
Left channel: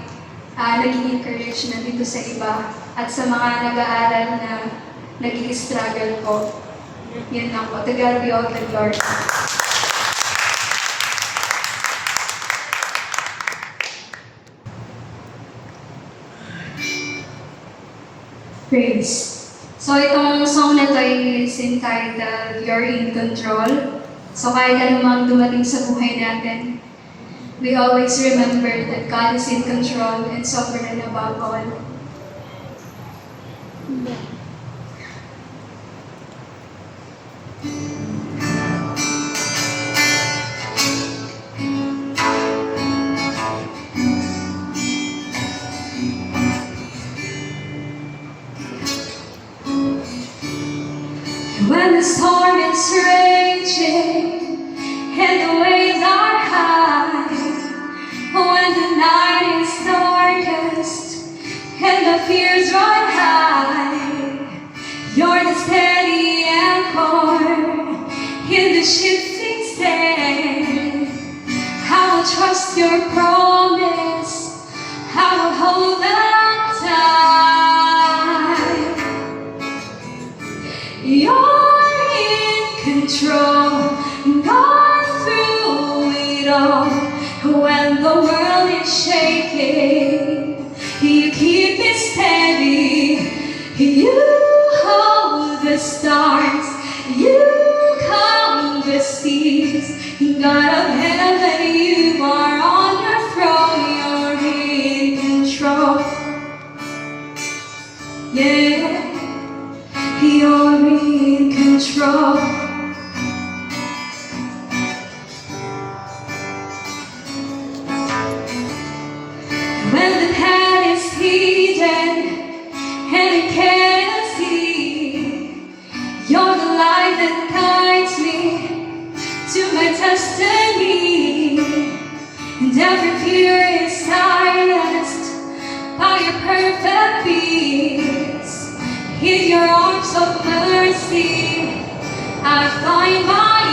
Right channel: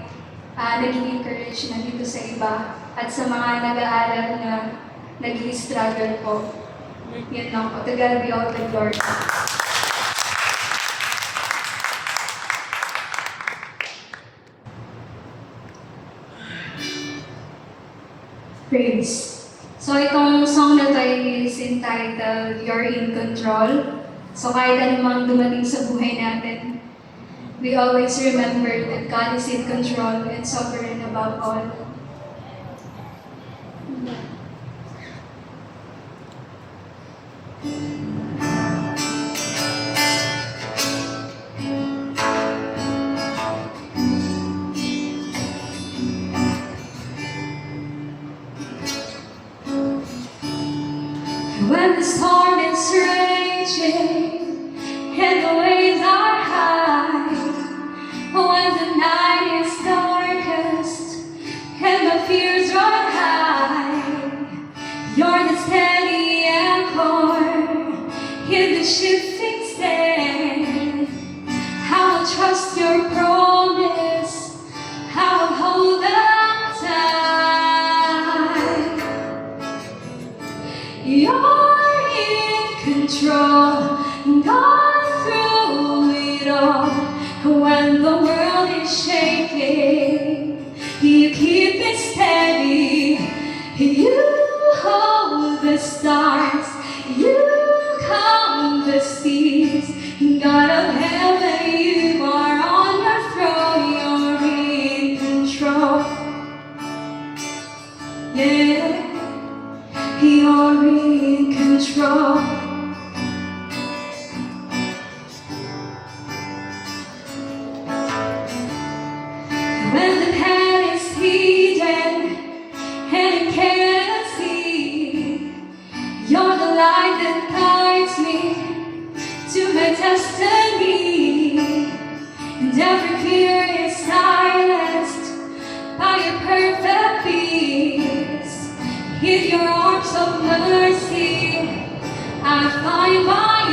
naging encourage na dito sa iba at sa mga nag-aaral na nag-i-struggle ko. Yun lang po. To God be all the glory. praise. So itong song na to is entitled You're in Control. So kahit anumang dumating sa buhay natin, we always remember that God is in control and sovereign above all. When the storm is raging and the waves are high, when the night is darkest and the fears run high, you're the steady anchor in the shifting sand. I will trust your promise, I will hold on tight. You're in control, God through it all. When the world is shaking, you keep it steady. You hold the stars, you calm the seas. God of heaven, you are on your throne, you're in control. Yeah. You're in control. When the hand is heated and it can't see, you're the light that guides me to my destiny. And every fear is silenced by your perfect peace. In your arms of mercy, I find my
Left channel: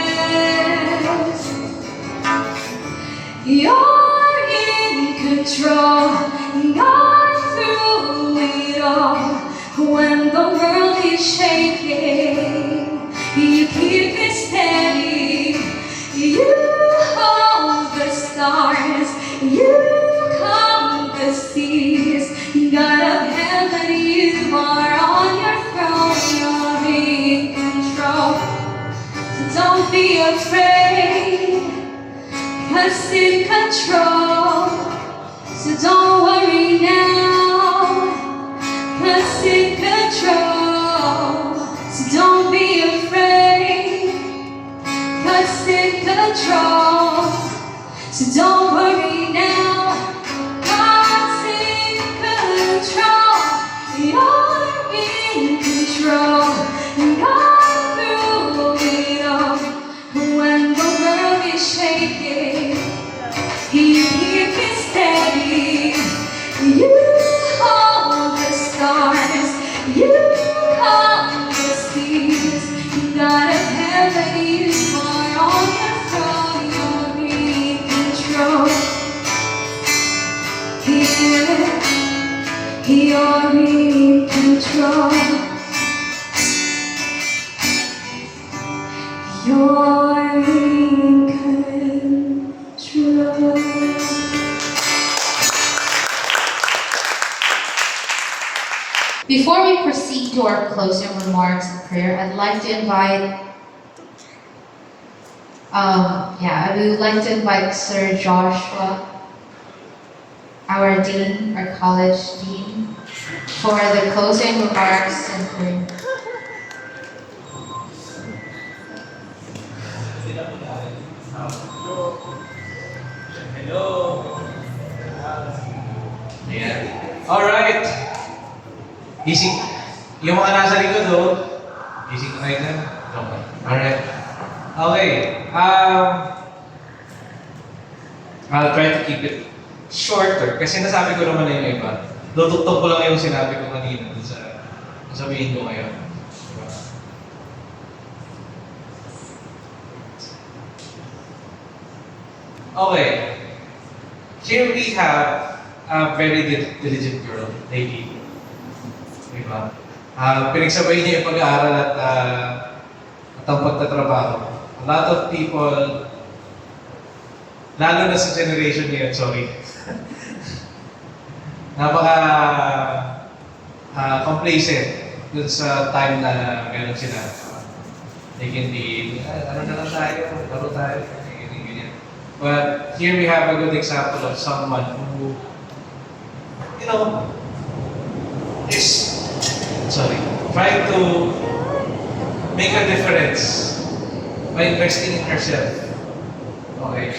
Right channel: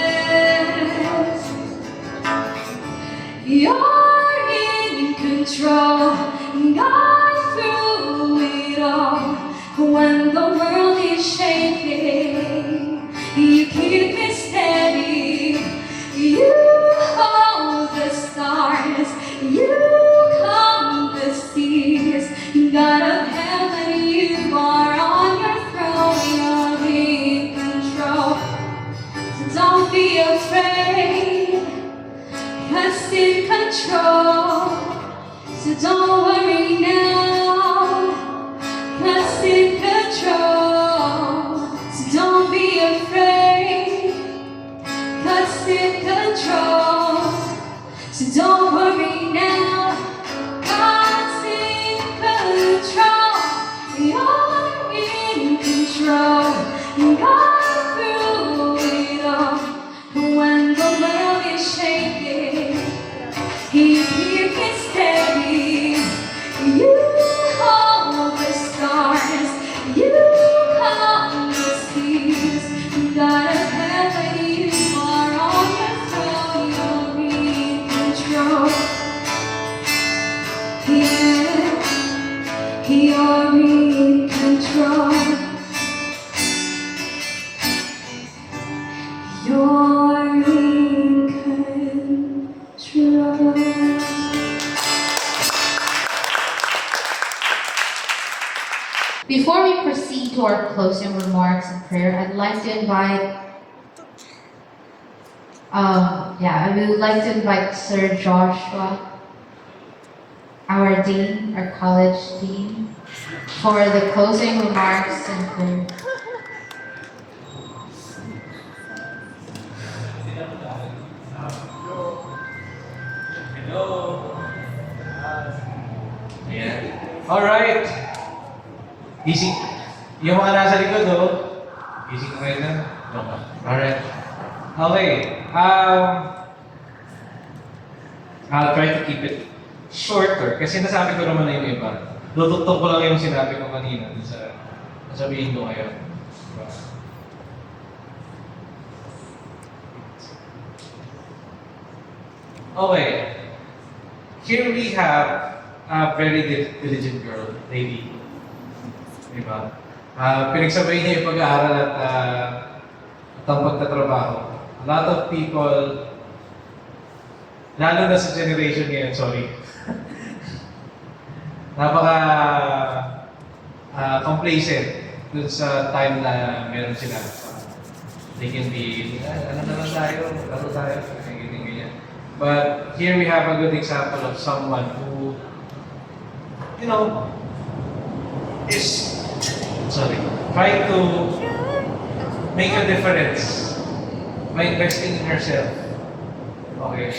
rest. You're in control, God through it all. When the world is shaking, you keep it steady. You hold the stars, you calm the seas. God of heaven, you are on your throne, you're in control. So don't be afraid, God's in control. So don't worry now, God's in control. So don't be afraid, God's in control. So don't worry now, God's in control. You're in control. God through it all. When the world is shaking, you keep it steady. You hold the stars. You calm the seas. God of heaven, you are on your throne. You're in control. Yeah. You're in control. You're in control. Before we proceed to our closing remarks and prayer, I'd like to invite, I would like to invite Sir Joshua, our dean, our college dean, for the closing remarks and prayer. Hello. Ayan. Alright. Gising. Yung mga nasa likod, oh. Gising na rin na. Okay. Alright. Okay. I'll try to keep it shorter. Kasi nasabi ko naman na yung iba. Tutuktok ko lang yung sinabi ko kanina. Sabihin ko ngayon. Diba? Okay. Here we have a very diligent girl, lady. Diba? Pinagsabayin niya yung pag-aaral at ang pagtatrabaho. A lot of people, lalo na sa generation ngayon, sorry. complacent dun sa time na meron sila. They can be, ano na lang tayo, laro tayo, ganyan. But here we have a good example of someone who, is, trying to make a difference by investing in herself. Okay.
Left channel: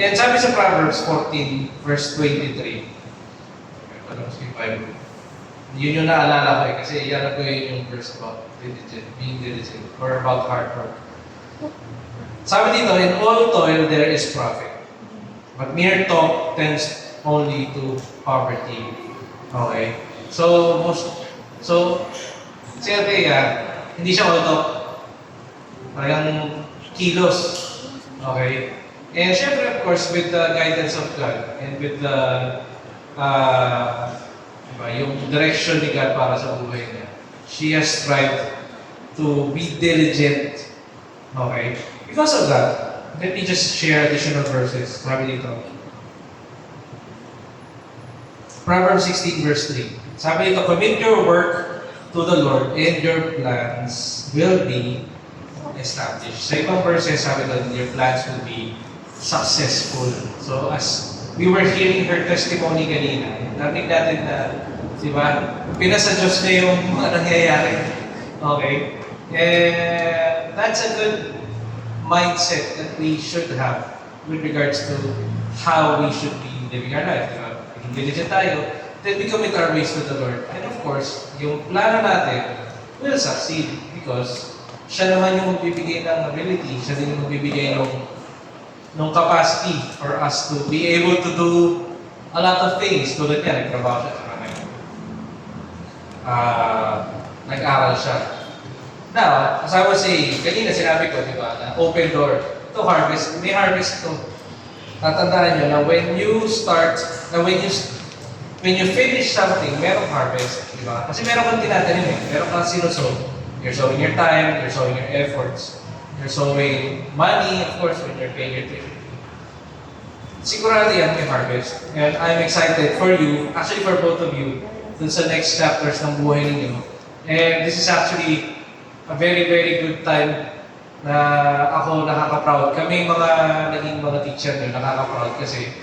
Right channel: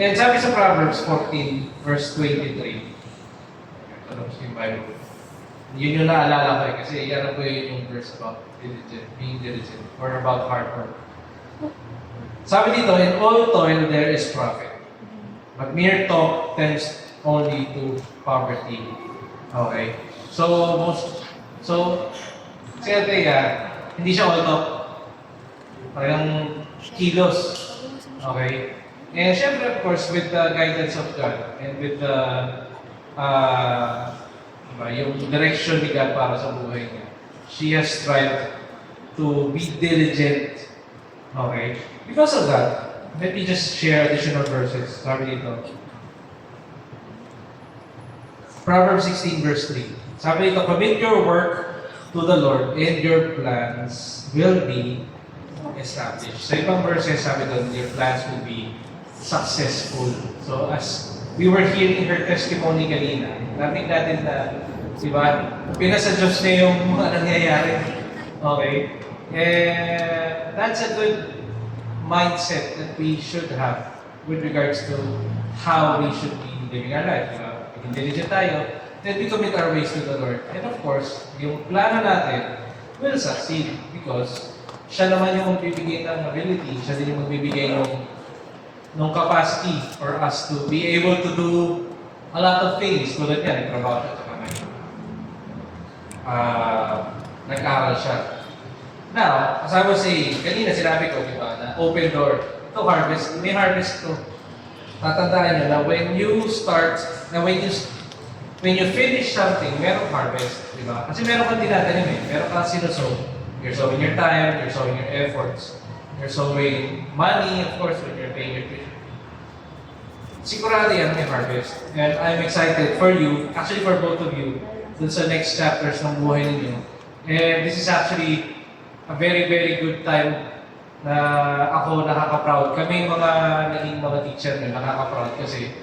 And sabi sa Proverbs 14, verse 23, ito lang sa Bible. Yun yung naalala ko kasi yan ko yung verse about being diligent, or about hard work. Sabi dito, in all toil there is profit, but mere talk tends only to poverty. Okay? So, si Althea, hindi siya all talk. Talagang kilos. Okay? And syempre, of course, with the guidance of God and with the yung direction ni God para sa buhay niya, she has tried to be diligent. Okay? Because of that, let me just share additional verses. Sabi dito. Proverbs 16 verse 3. Sabi dito, commit your work to the Lord and your plans will be established. Sa ibang verses, sabi doon, your plans will be successful. So as we were hearing her testimony kanina, narinig natin na, di ba, pinasa Diyos na yung mga nangyayari. Okay? And that's a good mindset that we should have with regards to how we should be living our life. Diba? Maging diligent tayo, then we commit our ways to the Lord. And of course, yung plano natin will succeed because siya naman yung magbibigay ng ability, siya din yung magbibigay ng capacity for us to be able to do a lot of things. Tulad niya, nagtrabaho siya, saka nag-aral siya. Now, as I was saying, kanina sinabi ko, di ba, na open door to harvest. May harvest to. Tatandaan nyo na when you finish something, merong harvest, di ba? Kasi meron kang tinatanim eh. Meron kang sinusow. You're sowing your time, you're sowing your efforts. You're sowing money, of course, when you're paying your tuition. Sigurado yan may harvest. And I'm excited for you, actually for both of you, dun sa next chapters ng buhay ninyo. And this is actually a very, very good time na ako nakaka-proud. Kami naging mga teacher nyo, nakaka-proud kasi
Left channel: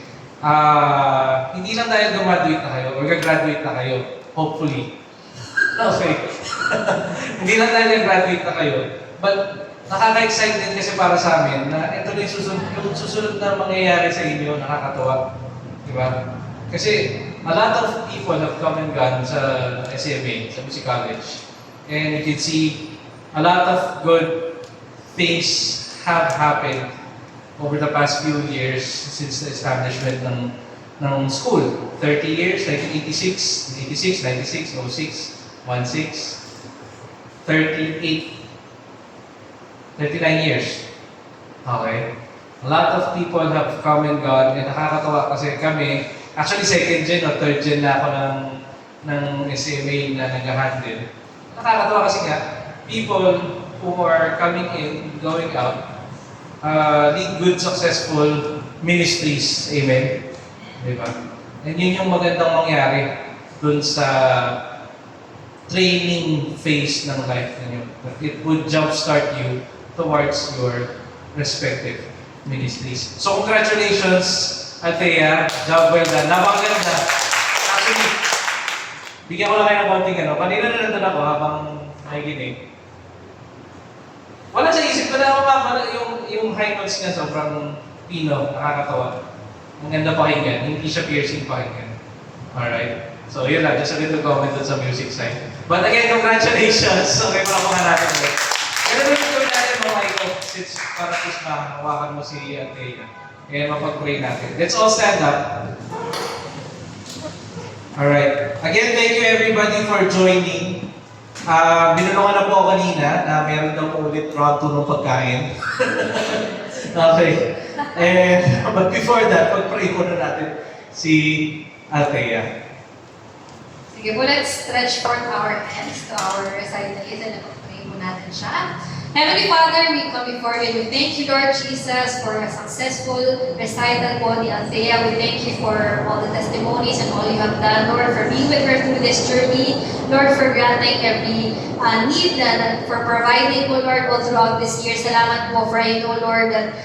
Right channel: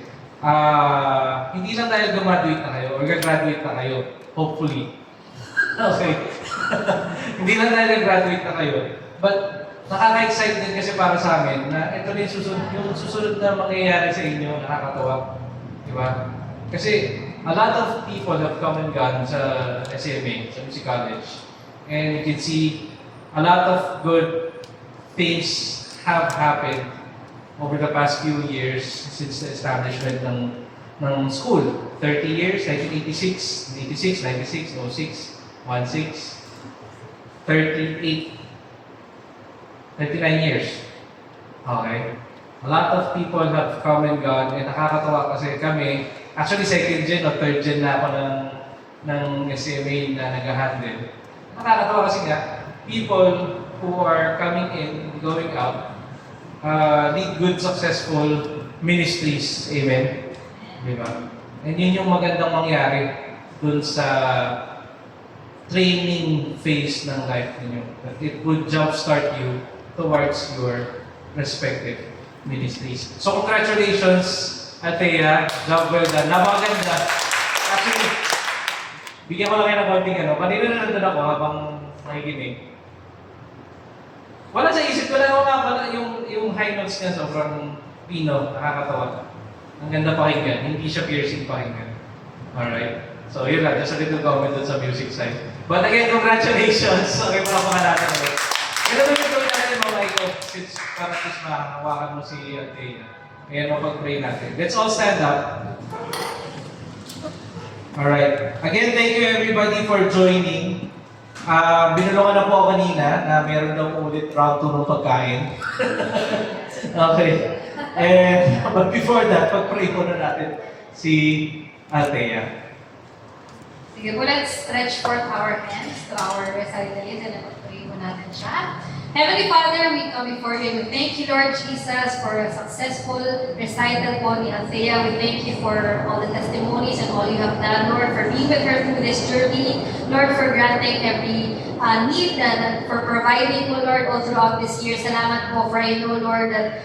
hindi lang dahil graduate na kayo or gagraduate na kayo, hopefully. Okay. Hindi lang dahil graduate na kayo. But nakaka-excite din kasi para sa amin na ito rin yung susunod na mangyayari sa inyo, nakakatawa. Diba? Kasi a lot of people have come and gone sa SMA, sa Music College. And you can see a lot of good things have happened over the past few years since the establishment ng school. 30 years, 1986, 96, 06, 16, 38, 39 years. Okay? A lot of people have come and gone and nakakatawa kasi kami, actually second gen o third gen na ako ng SMA na nag-handle. Nakakatawa kasi nga, people who are coming in, going out, lead good, successful ministries. Amen? Diba? And yun yung magandang mangyari dun sa training phase ng life ninyo. It would jumpstart you towards your respective ministries. So congratulations, Althea. Job well done. Napakaganda. Actually, bigyan ko lang kayo ng konting kanina na nandun ako habang nakikinig. Wala sa isip ko na yung high notes niya sobrang pino, nakakatawa. Ang ganda pakinggan, hindi siya piercing pakinggan. Alright? So yun lang, just a little comment dun sa music side. But again, congratulations! Okay, para po natin ulit. Kaya gawin natin mga ito, since para at least mahawakan mo si Althea. And mapag-pray natin. Let's all stand up. Alright. Again, thank you everybody for joining. Binulungan na po ako kanina na meron daw po ulit round 2 ng pagkain. Okay. And, but before that, pag-pray muna natin si Althea. Sige po, let's stretch forth our hands to our recitalees and pag-pray mo natin siya. Heavenly Father, we come before you. Thank you, Lord Jesus, for a successful recital po ni Althea. We thank you for all the testimonies and all you have done, Lord, for being with her through through this journey. Lord, for granting every need for providing, oh Lord, all throughout this year. Salamat po for I know, Lord, that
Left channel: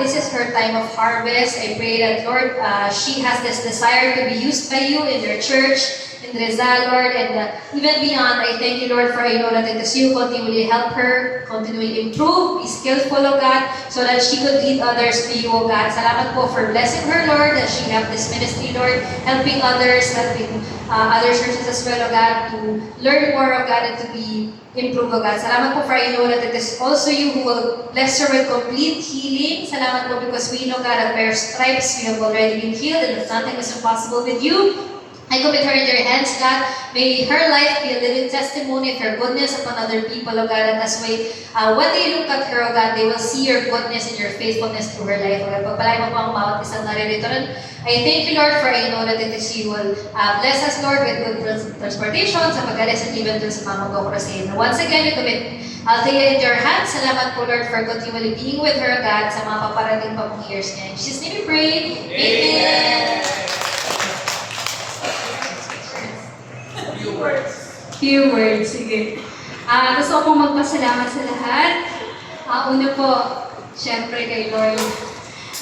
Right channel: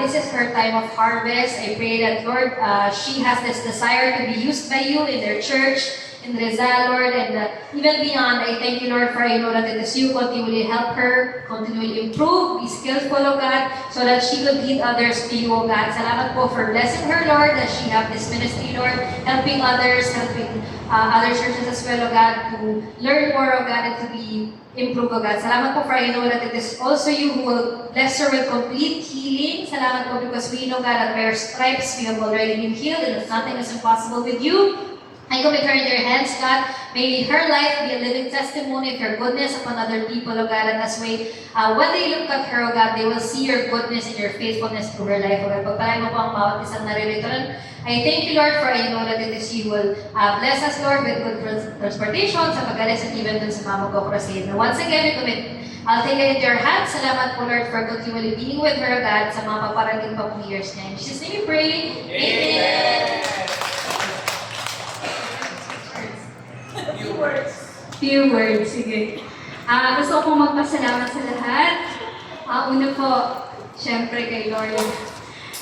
this is her time of harvest. I pray that, Lord, she has this desire to be used by you in their church, in Rizal, Lord, and even beyond. I thank you, Lord, for I know that it is you continually help her, continually improve, be skillful, oh God, so that she could lead others to you, oh God. Salamat po for blessing her, Lord, that she have this ministry, Lord, helping others, helping other churches as well, oh God, to learn more, oh God, and to be improved, oh God. Salamat po for I know that it is also you who will bless her with complete healing. Salamat po because we know, God, that by your stripes we have already been healed and that nothing is impossible with you. I commit her in your hands, God. May her life be a living testimony of your goodness upon other people, oh God. And as way, when they look at her, oh God, they will see your goodness and your faithfulness through her life, oh God. Pagpalain mo po ang bawat isang naririto nun. I thank you, Lord, for I know that it is you will bless us, Lord, with good transportation, sa pag-alis at even dun sa Mamagok Crusade. Once again, we commit Althea in your hands. Salamat po, Lord, for continually being with her, God, sa mga paparating pa pong years niya. In Jesus' name we pray. Amen. Few words, sige. Gusto kong magpasalamat sa lahat. Una po, syempre kay Lord,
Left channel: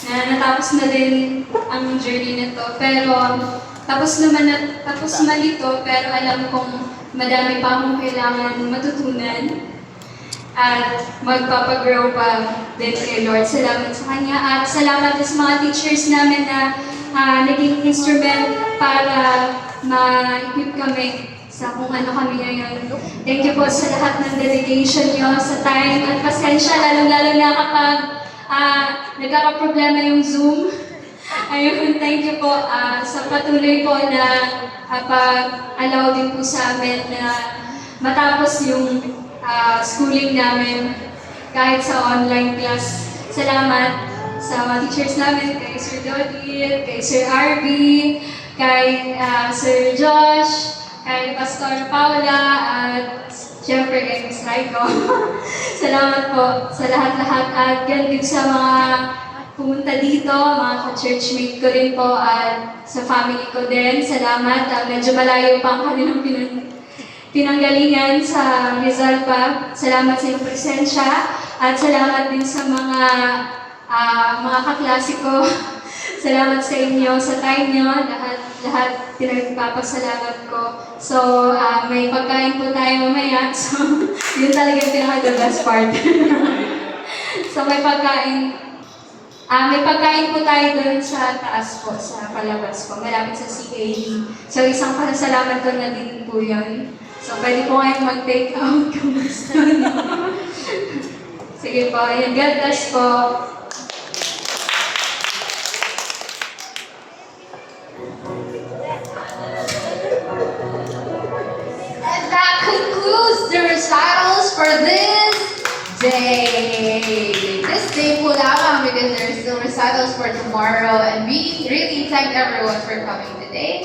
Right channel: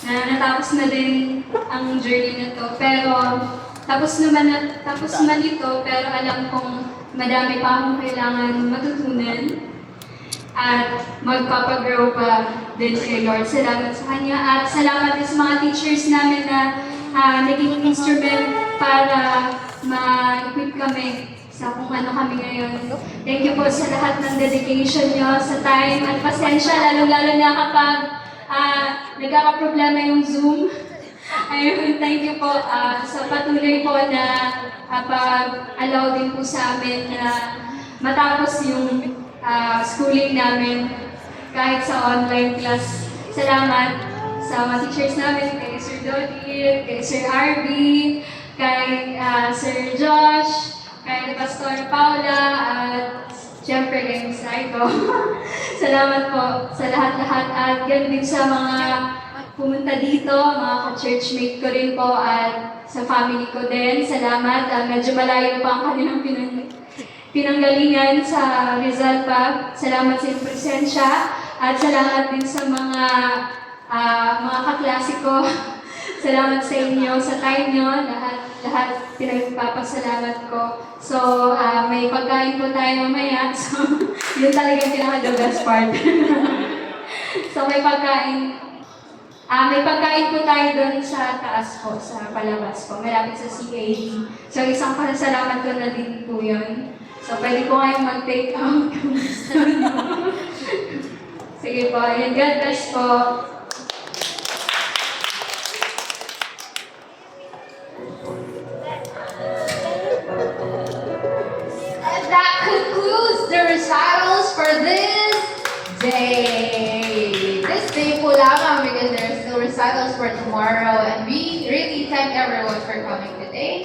na natapos na din ang journey na to. Pero, tapos man ito, pero alam kong madami pa akong kailangan matutunan. At magpapagrow pa din kay Lord. Salamat sa Kanya. At salamat din sa mga teachers namin na naging instrument para ma-equip kami sa kung ano kami ngayon. Thank you po sa lahat ng dedication nyo, sa time at pasensya, lalo-lalo na kapag nagkakaproblema yung Zoom. Ayun, thank you po sa patuloy po na pag-allow din po sa amin na matapos yung schooling namin kahit sa online class. Salamat sa mga teachers namin, kay Sir Dodie, kay Sir Arby, kay Sir Josh, kay Pastor Paula, at syempre kay Miss Raiko. Salamat po sa lahat-lahat at yan din sa mga pumunta dito, mga ka-churchmate ko rin po at sa family ko din. Salamat. Medyo malayo pa ang kanilang pinanggalingan sa Rizal pa. Salamat sa iyong presensya at salamat din sa mga kaklase ko. Salamat sa inyo, sa time nyo, lahat pinagpapasalamat ko. So, may pagkain po tayo mamaya. So, yun talaga yung pinaka-the best part. So, may pagkain po tayo dun sa taas po, sa palabas po, malapit sa CAD. So, isang pasalamat ko na din po yun. So, pwede po kayong mag-take out kung gusto nyo. Sige po, yun. God bless po. And that concludes the recitals for this day. This day po lamang because there are still recitals for tomorrow and we really thank everyone for coming today.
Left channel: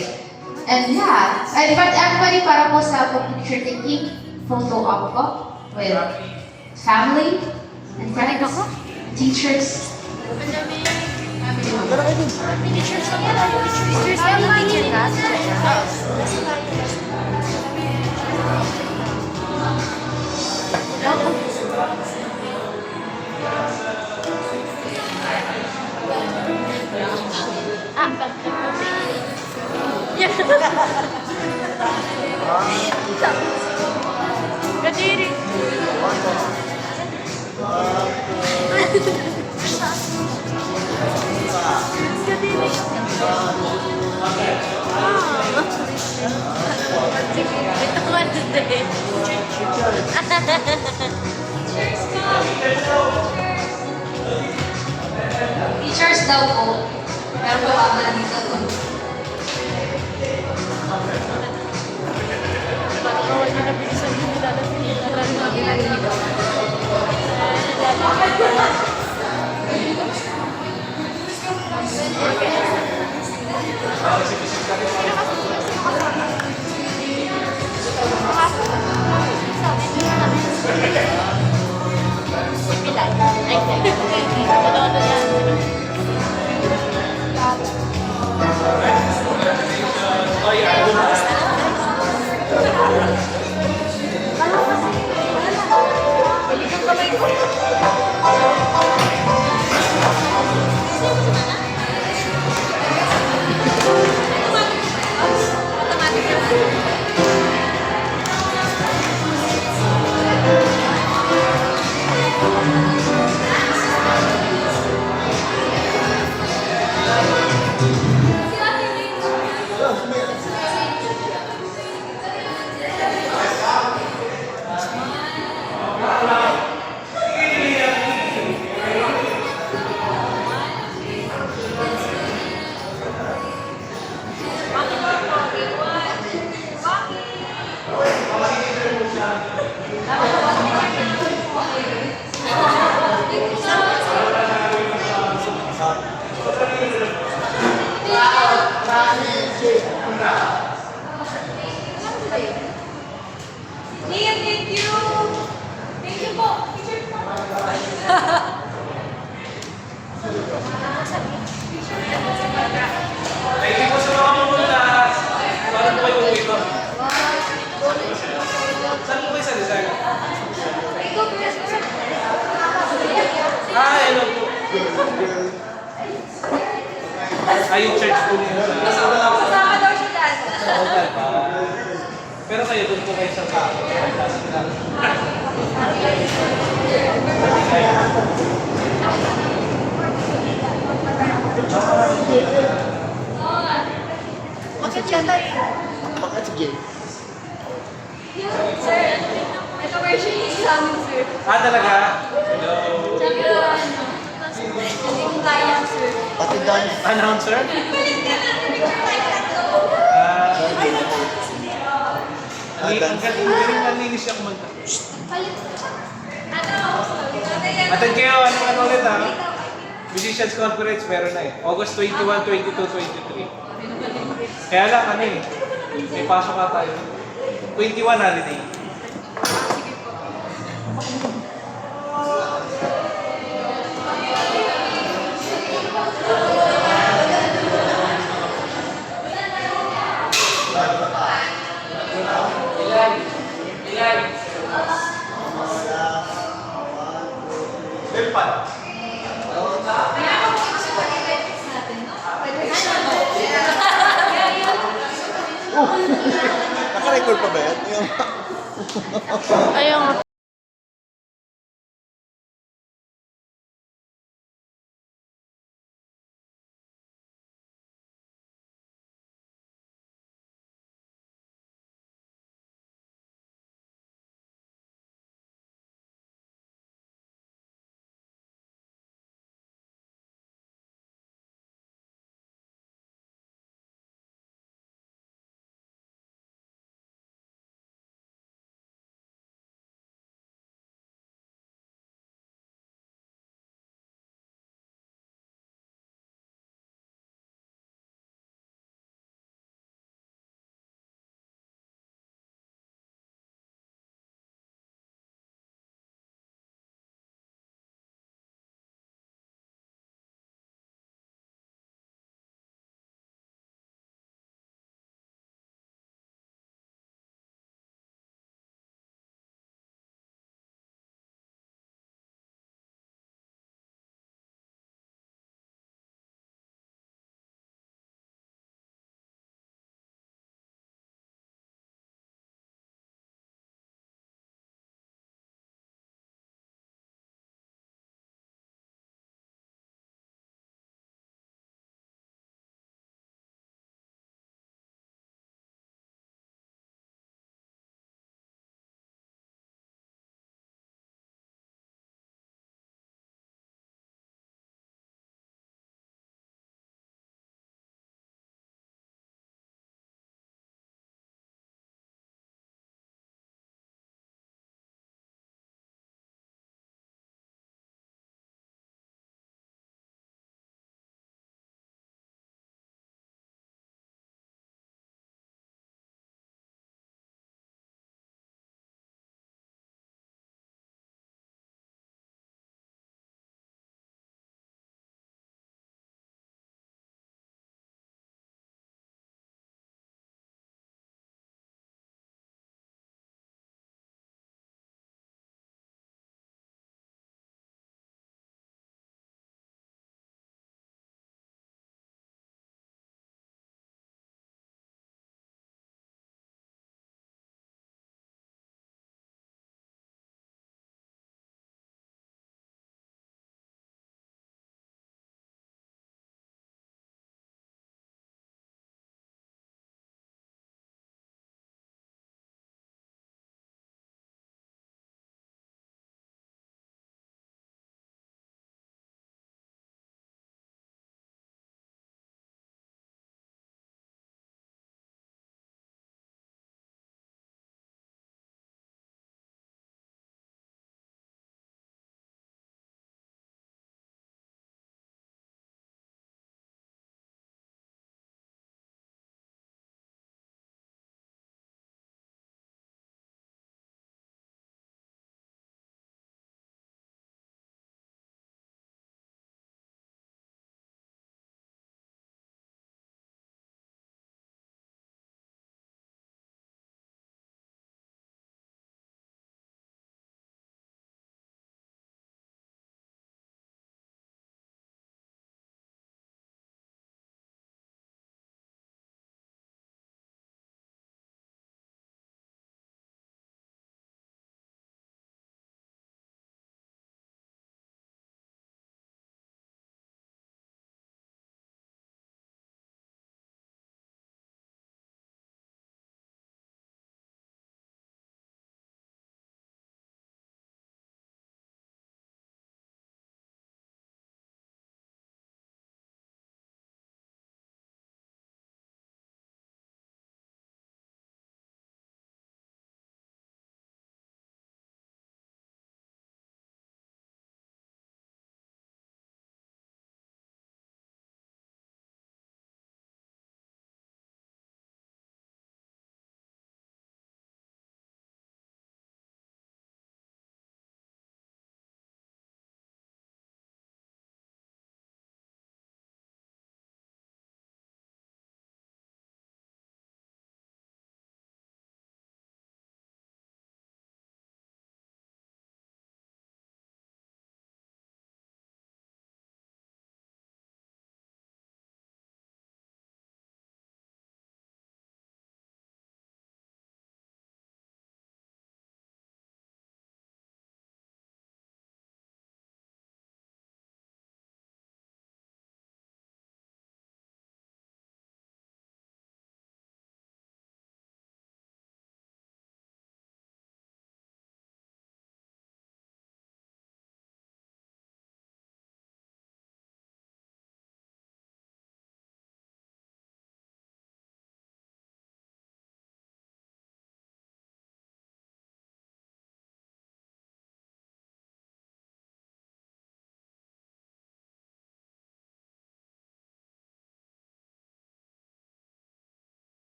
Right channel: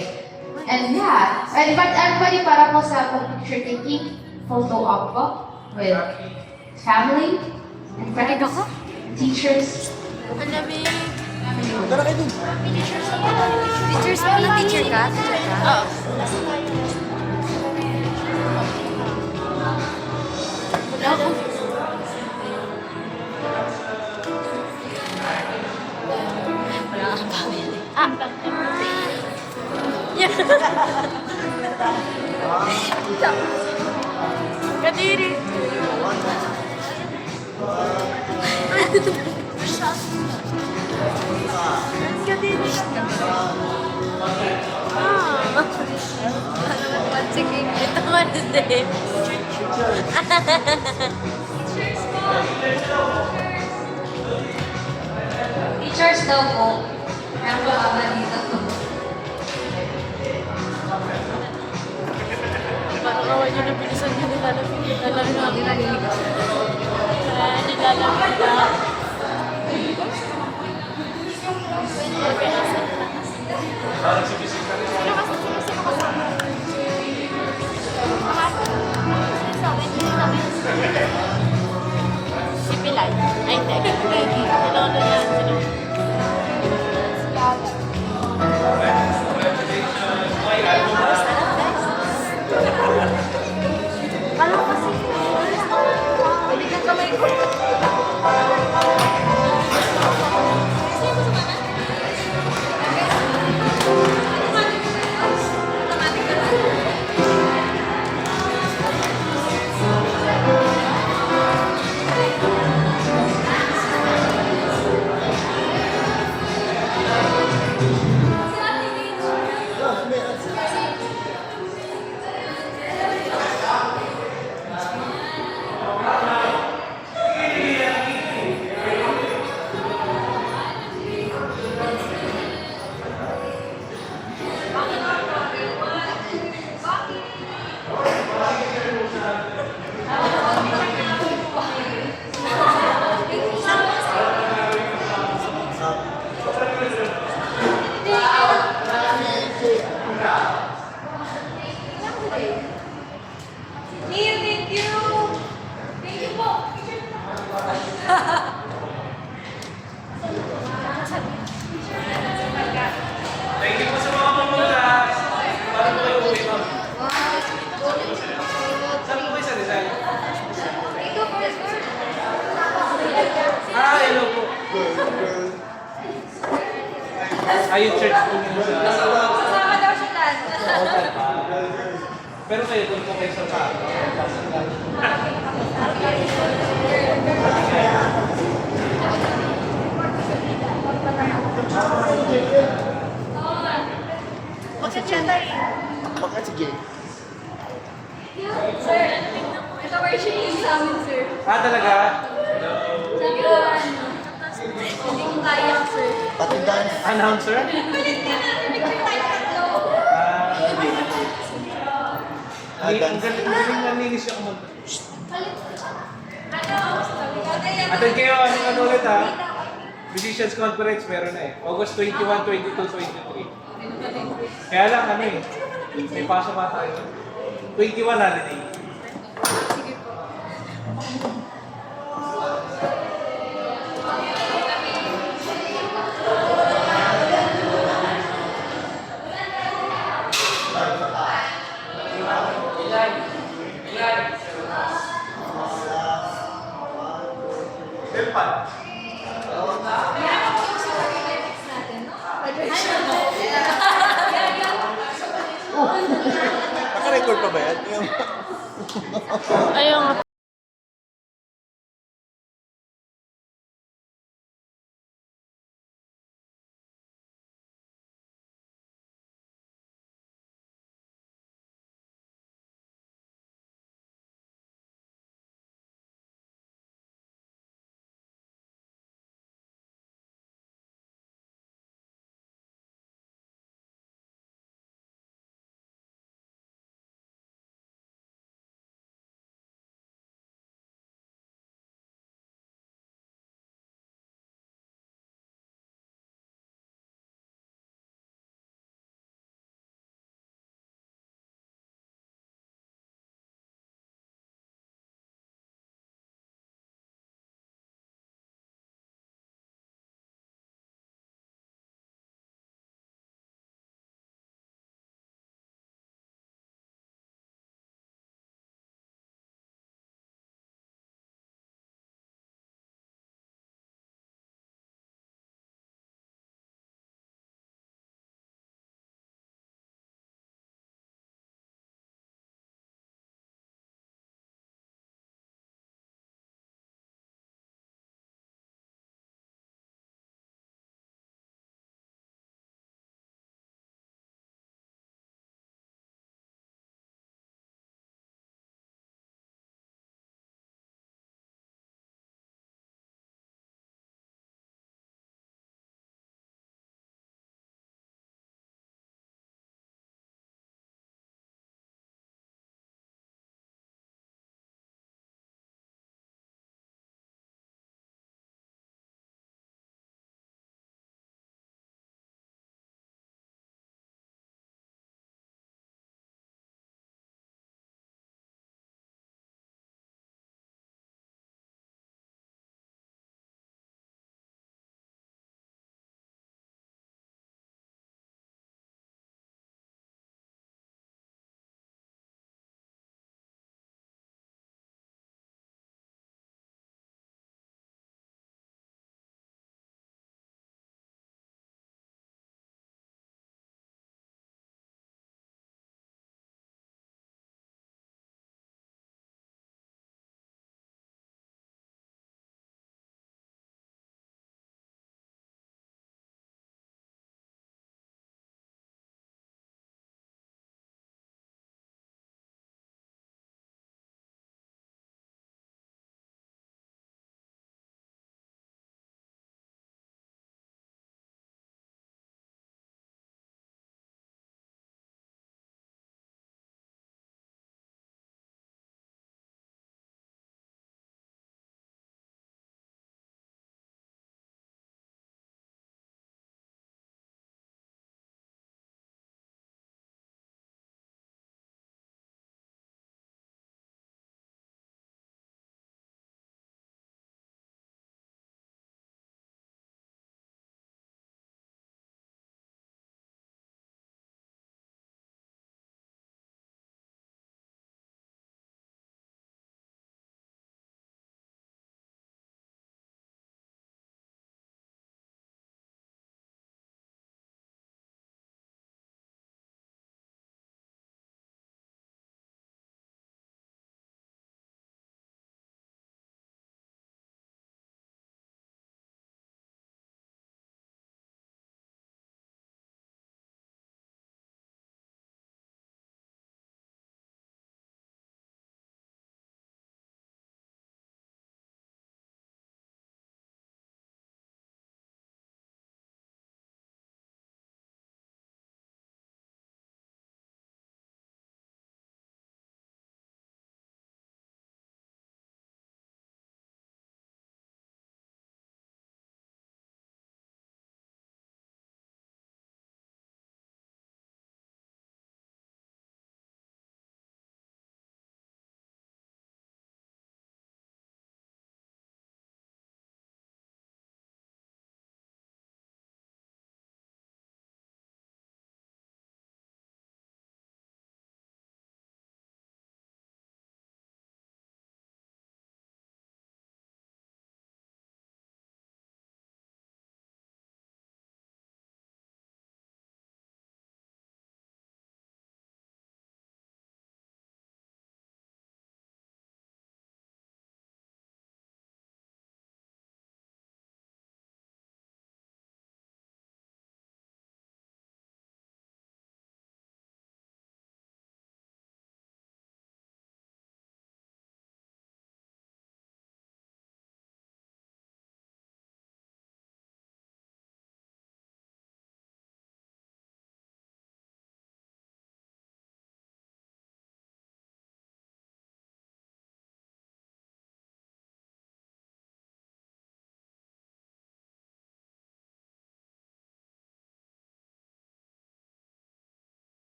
And yeah, I invite everybody para po sa picture taking photo op po with family and friends, teachers. Kadiri. Kadiri. Sige, ito ko din. Teachers po! Teachers daw po. Pero wala dito. Total pa. Pero kayo, doon po kayo sa pako. Bakit siya tayo? Bakit sige? Sir, ito version is sa amin, sir. Ah, talaga? Hello. Sabi ko, hindi ko kaya, sir. Pati dance. Announcer? Ang galing nga nilis siya kumanta. Atan kayo, ano ulit ha? Musicians Conference meron na eh. August 21, 22, 23. Kaya lang ano eh, may pasok nga tayo. 21 holiday. Delpan. Naka-record pa ba yan? Ayaw nga.